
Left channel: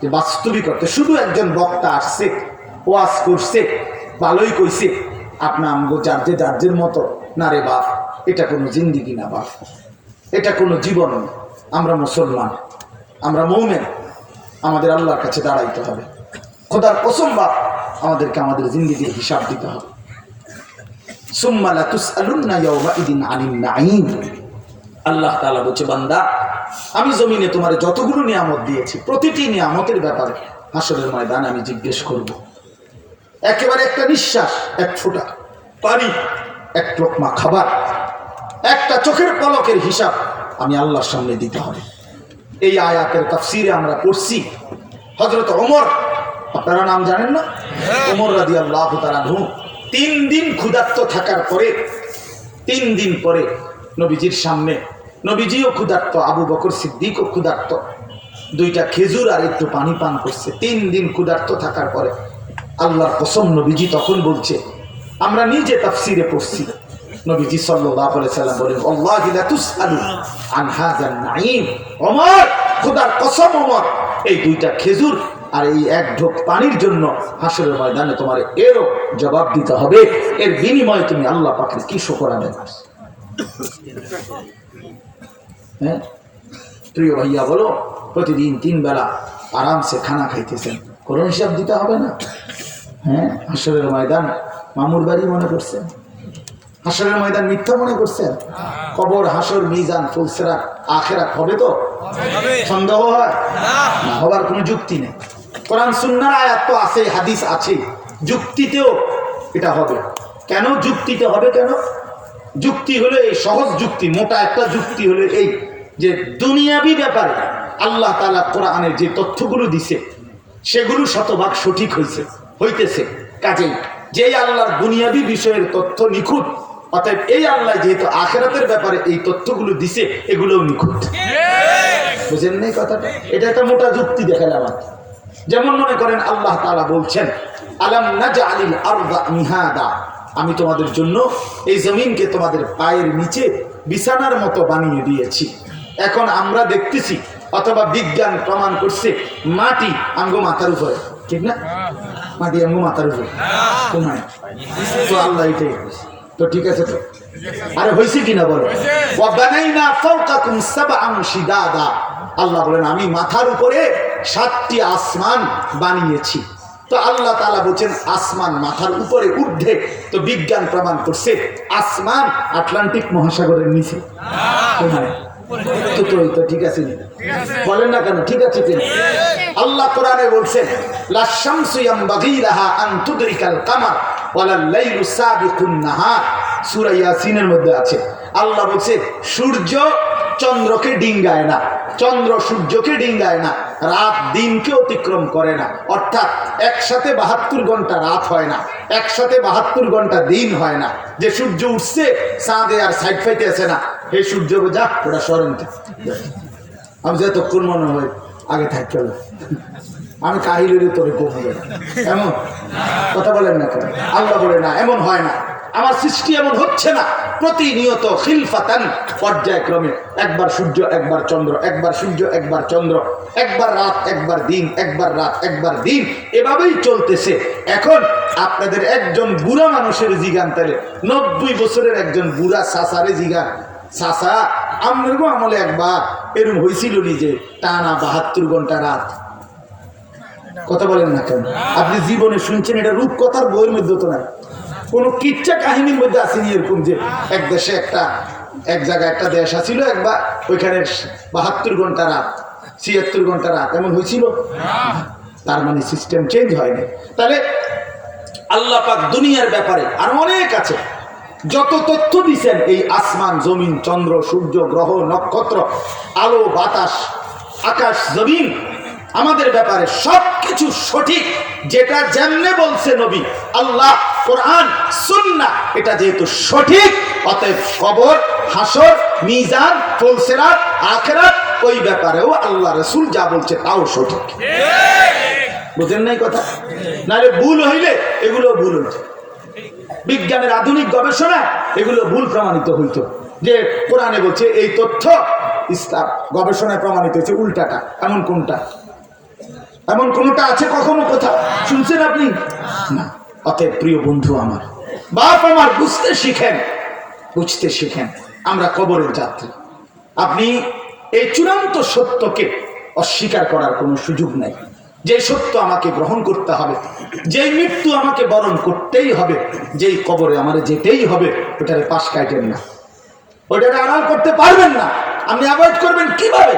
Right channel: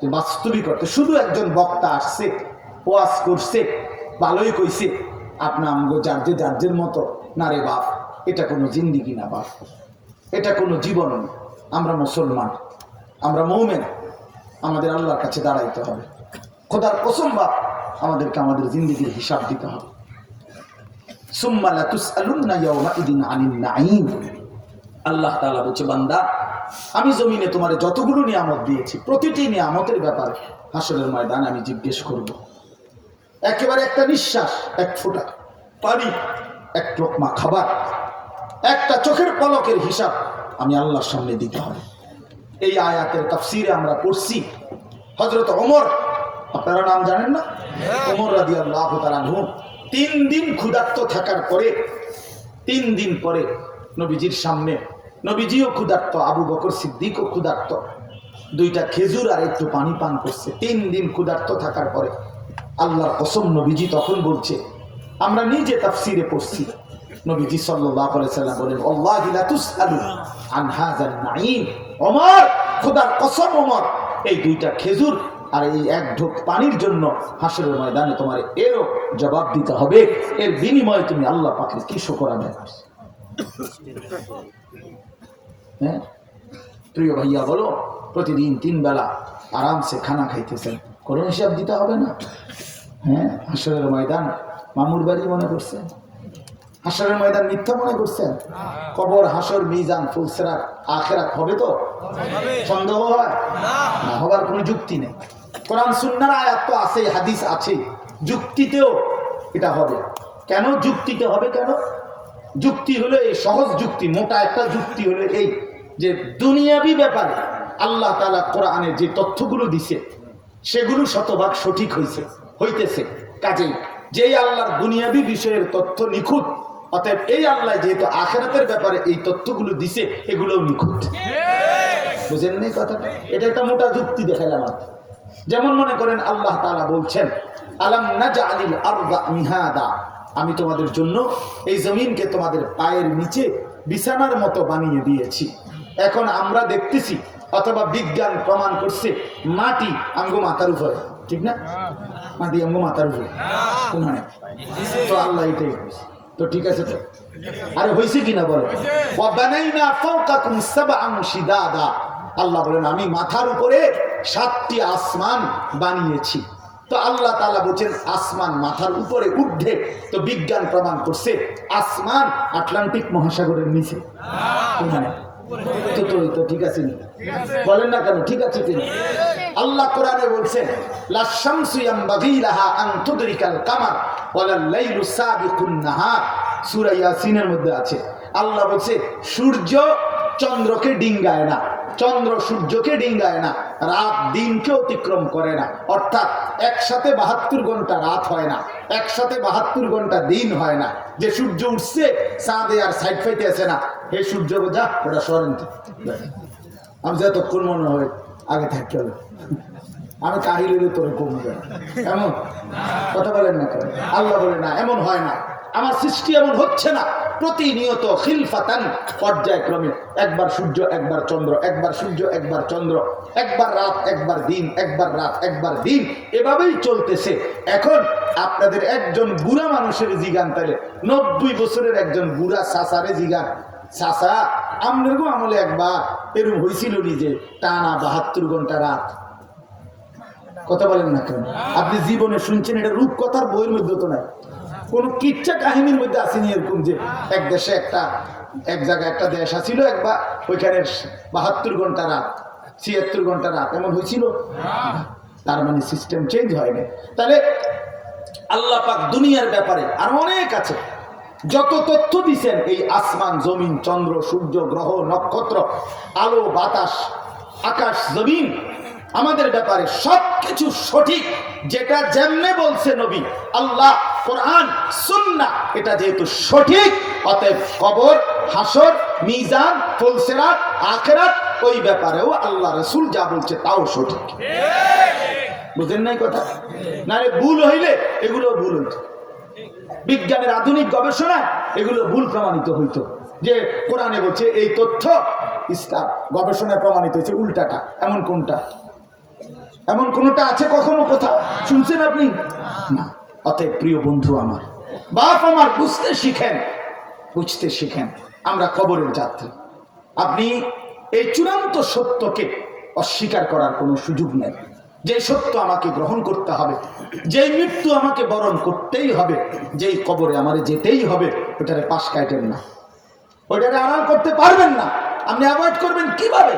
যে বাস্তবিকতা শুধু একজন বক্তা আসছে, ওয়াজ করছে, ভালোই কইছে, আপনা আমগো যার মতো না রে বাপ, এটা কোনো জিন্দিগি না বাপ, এটা কোনো জীবন না। আমরা মুসলমান, আমরা মুমিন, আমাদের আল্লাহর কাছে দাঁড়াইতে হবে। খোদার কসম বাপ, আমাদেরকে আমাদের জিন্দিগির হিসাব দিতে হবে। সুম্মা লা তুসআলুন্না ইয়াওমাইদিন আনিন নাঈম। আল্লাহ তাআলা বলছে, বান্দা আমি জমিনে তোমারে যতগুলো নিয়ামত দিয়েছি, প্রতিটি নিয়ামতের ব্যাপারে হাসরের ময়দানে আমি জিজ্ঞেস করব। একেবারে একটা নিঃশ্বাস, এক ফোঁটা পানি, এক লোকমা খাবার, একটা চোখের পলকের হিসাব আমি আল্লাহর সামনে দিতে হবে। এই আয়াতের তাফসিরে আমরা পড়ছি, হযরত ওমর, আপনারা নাম জানেন না, ওমর রাদিয়াল্লাহু তাআলা আনহু 3 দিন ক্ষুধার্ত থাকার পরে, 3 দিন পরে নবীজির সামনে, নবীজিও ক্ষুধার্ত, আবু বকর সিদ্দিকও ক্ষুধার্ত, 2টা খেজুর আর একটু পানি পান করছে। 3 দিন ক্ষুধার্ত থাকার পরে আল্লাহর কসম, নবীজি তখন বলছে, আমরা নিজে তাফসিরে পড়ছি, নবীজি সাল্লাল্লাহু আলাইহি সাল্লাম বলেন, আল্লাহি লা তুসআলু আন হাযান নাঈম। ওমর, খোদার কসম ওমর, এই 2টা খেজুর আর এই 1 ঢোক পানির জন্য হাসরের ময়দানে তোমার এরও জবাব দিতে হবে। এর বিনিময়ে তুমি আল্লাহ পাকের কি শুকর আদায় করছো? হ্যাঁ প্রিয় ভাইয়া, বলো, প্রতিদিন 3 বেলা আরামসে খানা খাইতেছেন, কোনো হিসাব দিতে হবে না? হ্যাঁ, হাসরের ময়দান মামুর বাড়ি মনে করছেন? হাসরের ময়দান মিথ্যা মনে করছেন? কবর, হাসর, মিজান, ফুলসিরাত, আখিরাত হবে তো? সন্দেহ হয় না? হবার কোনো যুক্তি নেই। কোরআন সুন্নাহর আয়াত তো আছে, হাদিস আছে, যুক্তিতেও এটা হবে। কেন যুক্তিতে হবে? কেন যুক্তি হলো এই সহজ যুক্তি, মোটা একটা যুক্তি হলো এই যে দুনিয়াবি ব্যাপারে আল্লাহ তাআলা কোরআনে যে তথ্যগুলো দিছে সেগুলো শতভাগ সঠিক হইতেছে। কাজেই যেই আল্লাহর দুনিয়াবি বিষয়ের তথ্য নিখুঁত, অতএব এই আল্লাহ যেহেতু আখিরাতের ব্যাপারে এই তথ্যগুলো দিছে, এগুলোও নিখুঁত। বুঝেন নাই কথাটা? এটা একটা মোটা যুক্তি দেখালাম। যেমন মনে করেন আল্লাহ তাআলা বলছেন, আলাম নাজআলিল আরদা মিহাদা, আমি তোমাদের জন্য এই জমিনকে তোমাদের পায়ের নিচে বিছানার মতো বানিয়ে দিয়েছি। এখন আমরা দেখতেছি, অথবা বিজ্ঞান প্রমাণ করছে, মাটি আমগো মাথার উপরে, ঠিক না? মাটি আমগো মাথার উপরে তো আল্লাহ এটাই তো ঠিক আছে তো? আরে হয়েছে কিনা বলো? ওয়া বানাইনা ফাওকাকুম সাবআন শিদাদা, আল্লাহ বলেন আমি মাথার উপরে 7টি আসমান বানিয়েছি। তো আল্লাহ তাআলা বলছেন আসমান মাথার উপরে ঊর্ধ্বে, তো বিজ্ঞান প্রমাণ করছে আসমান আটলান্টিক মহাসাগরের নিচে। তো ঠিক আছে, বলেন না কেন? ঠিক আছে কিনা? আল্লাহ কোরআনে বলছেন, লা শামসু ইয়ামবাগি লাহা আন তুদরিকাল কামার ওয়ালাল লাইলু সাবিকুন নাহার, সূরা ইয়াসিনের মধ্যে আছে। আল্লাহ বলছে সূর্য চন্দ্রকে ডিঙ্গায় না, চন্দ্র সূর্যকে ডিঙ্গায় না, রাত দিনকে অতিক্রম করে না। অর্থাৎ একসাথে 72 ঘন্টা রাত হয় না, একসাথে 72 ঘন্টা দিন হয় না। যে সূর্য উঠছে চাঁদে আর সাইড ফাইতে আছে না, এই সূর্য যা ওটা সরেন, আমি যতক্ষণ মনে হয় আগে থাকতে হবে, আমি কাহিলের তোরে কমে যাবে, এমন কথা বলেন না কেন? আল্লাহ বলে না, এমন হয় না, আমার সৃষ্টি এমন হচ্ছে না। প্রতিনিয়ত খিলফাতান, পর্যায়ক্রমে, একবার সূর্য একবার চন্দ্র, একবার সূর্য একবার চন্দ্র, একবার রাত একবার দিন, একবার রাত একবার দিন, এভাবেই চলতেছে। এখন আপনাদের একজন বুড়া মানুষের জিগান, তাহলে 90 বছরের একজন বুড়া চাচারে জিগান, চাচা আপনার গো আমলে একবার এরকম হয়েছিল নিজে টানা 72 ঘন্টা রাত? কথা বলেন না কেন? আপনি জীবনে শুনছেন, এটা রূপকথার বইয়ের মধ্যে তো নাই, কোনো কিচ্ছা কাহিনীর মধ্যে আসেনি এরকম যে এক দেশে এক জায়গায় একটা দেশ আছিল একবার, ওইখানে 72 ঘন্টা রাত, 76 ঘন্টা রাত, এমন হয়েছিল? তার মানে সিস্টেম চেঞ্জ হয়নি। তাহলে আল্লাহ পাক দুনিয়ার ব্যাপারে আরো অনেক আছে, যত তথ্য দিচ্ছেন এই আসমান, জমিন, চন্দ্র, সূর্য, গ্রহ, নক্ষত্র, আলো, বাতাস, আকাশ, জমিন, আমাদের ব্যাপারে সবকিছু সঠিক। যেটা যেমনে বলছে নবী, আল্লাহ, কোরআন, সুন্নাহ, এটা যেহেতু সঠিক, অতএব কবর, হাসর, মিজান, ফুলসিরাত, আখিরাত, ওই ব্যাপারেও আল্লাহ রাসূল যা বলছে তাও সঠিক। বুঝেন নাই কথা? নাহলে ভুল হইলে এগুলো ভুল হইতো, বিজ্ঞানের আধুনিক গবেষণা এগুলো ভুল প্রমাণিত হইতো। যে কোরআনে বলছে এই তথ্য, ইসলাম গবেষণায় প্রমাণিত হয়েছে উল্টাটা, এমন কোনটা? এমন কোনটা আছে কখনো কোথাও শুনছেন আপনি? না। অতএব প্রিয় বন্ধু আমার, বাপ আমার, বুঝতে শিখেন, বুঝতে শিখেন, আমরা কবরের যাত্রী। আপনি এই চূড়ান্ত সত্যকে অস্বীকার করার কোনো সুযোগ নাই। যে সত্য আমাকে গ্রহণ করতে হবে, যেই মৃত্যু আমাকে বরণ করতেই হবে, যেই কবরে আমারে যেতেই হবে, ওটারে পাশ কাটেন না, ওটারে আড়াল করতে পারবেন না। আপনি অ্যাভয়েড করবেন কিভাবে?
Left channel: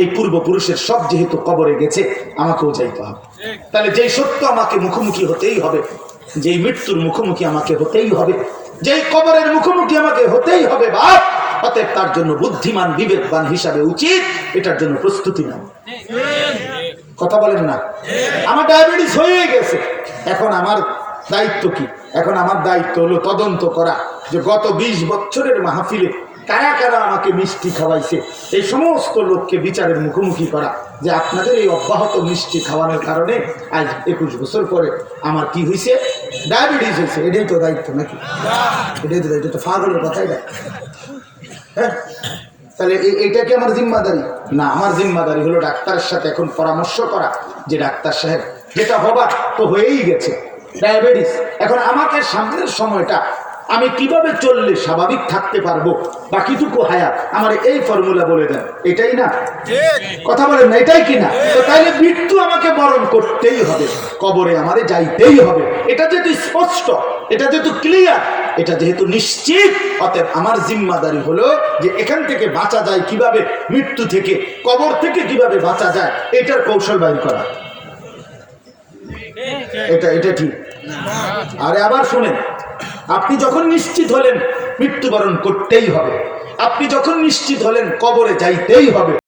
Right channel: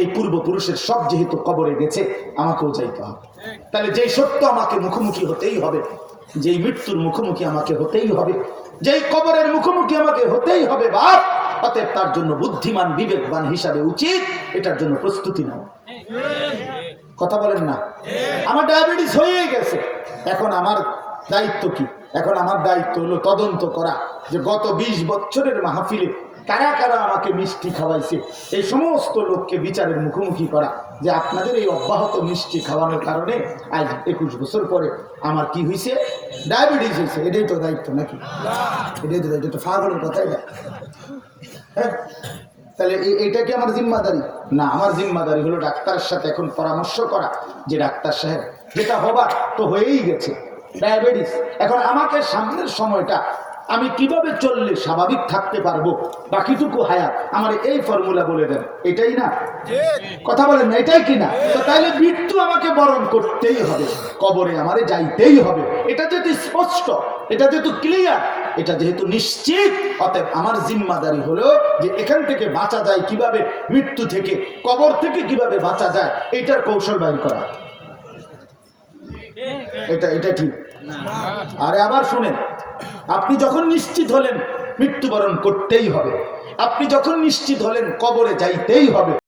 এই পূর্বপুরুষের সব যেহেতু কবরে গেছে, আমাকেও যাইতে হবে। তাহলে যেই সত্য আমাকে মুখোমুখি হতেই হবে, যেই মৃত্যুর মুখোমুখি আমাকে হতেই হবে, যেই কবরের মুখোমুখি আমাকে হতেই হবে বাপ, অতএব তার জন্য বুদ্ধিমান বিবেকবান হিসাবে উচিত এটার জন্য প্রস্তুতি নাও। কথা বলেন না? আমার ডায়াবেটিস হয়ে গেছে, এখন আমার দায়িত্ব কি? এখন আমার দায়িত্ব হলো তদন্ত করা যে গত 20 বছরের মাহফিলে কারা কারা আমাকে মিষ্টি খাওয়াইছে, এই সমস্ত লোককে বিচারের মুখোমুখি করা যে আপনাদের এই অব্যাহত মিষ্টি খাওয়ানোর কারণে আজ 21 বছর পরে আমার কি হয়েছে, ডায়াবেটিস হয়েছে। এটাই তো দায়িত্ব নাকি? এটাই তো দায়িত্ব, ফাগলের কথাই না। হ্যাঁ, তাহলে এইটা কি আমার জিম্মাদারি? না, আমার জিম্মাদারি হলো ডাক্তারের সাথে এখন পরামর্শ করা যে ডাক্তার সাহেব, যেটা হবার তো হয়েই গেছে, ডায়াবেটিস। এখন আমাকে সামনের সময়টা আমি কিভাবে চললে স্বাভাবিক থাকতে পারবো, বাকিটুকু হায়াত আমার এই ফর্মুলা বলে দেন, এটাই না? কথা বলেন না, এটাই কি না? তো তাইলে মৃত্যু আমাকে বরণ করতেই হবে, কবরে আমারে যাইতেই হবে। এটা যেহেতু স্পষ্ট, এটা যেহেতু ক্লিয়ার, এটা যেহেতু নিশ্চিত, অতএব আমার জিম্মাদারি হলো যে এখান থেকে বাঁচা যায় কিভাবে, মৃত্যু থেকে, কবর থেকে কিভাবে বাঁচা যায়, এটার কৌশল বাইর করা। এটা ঠিক। আরে আবার শুনেন, আপনি যখন নিশ্চিত হলেন মৃত্যুবরণ করতেই হবে, আপনি যখন নিশ্চিত হলেন কবরে যাইতেই হবে,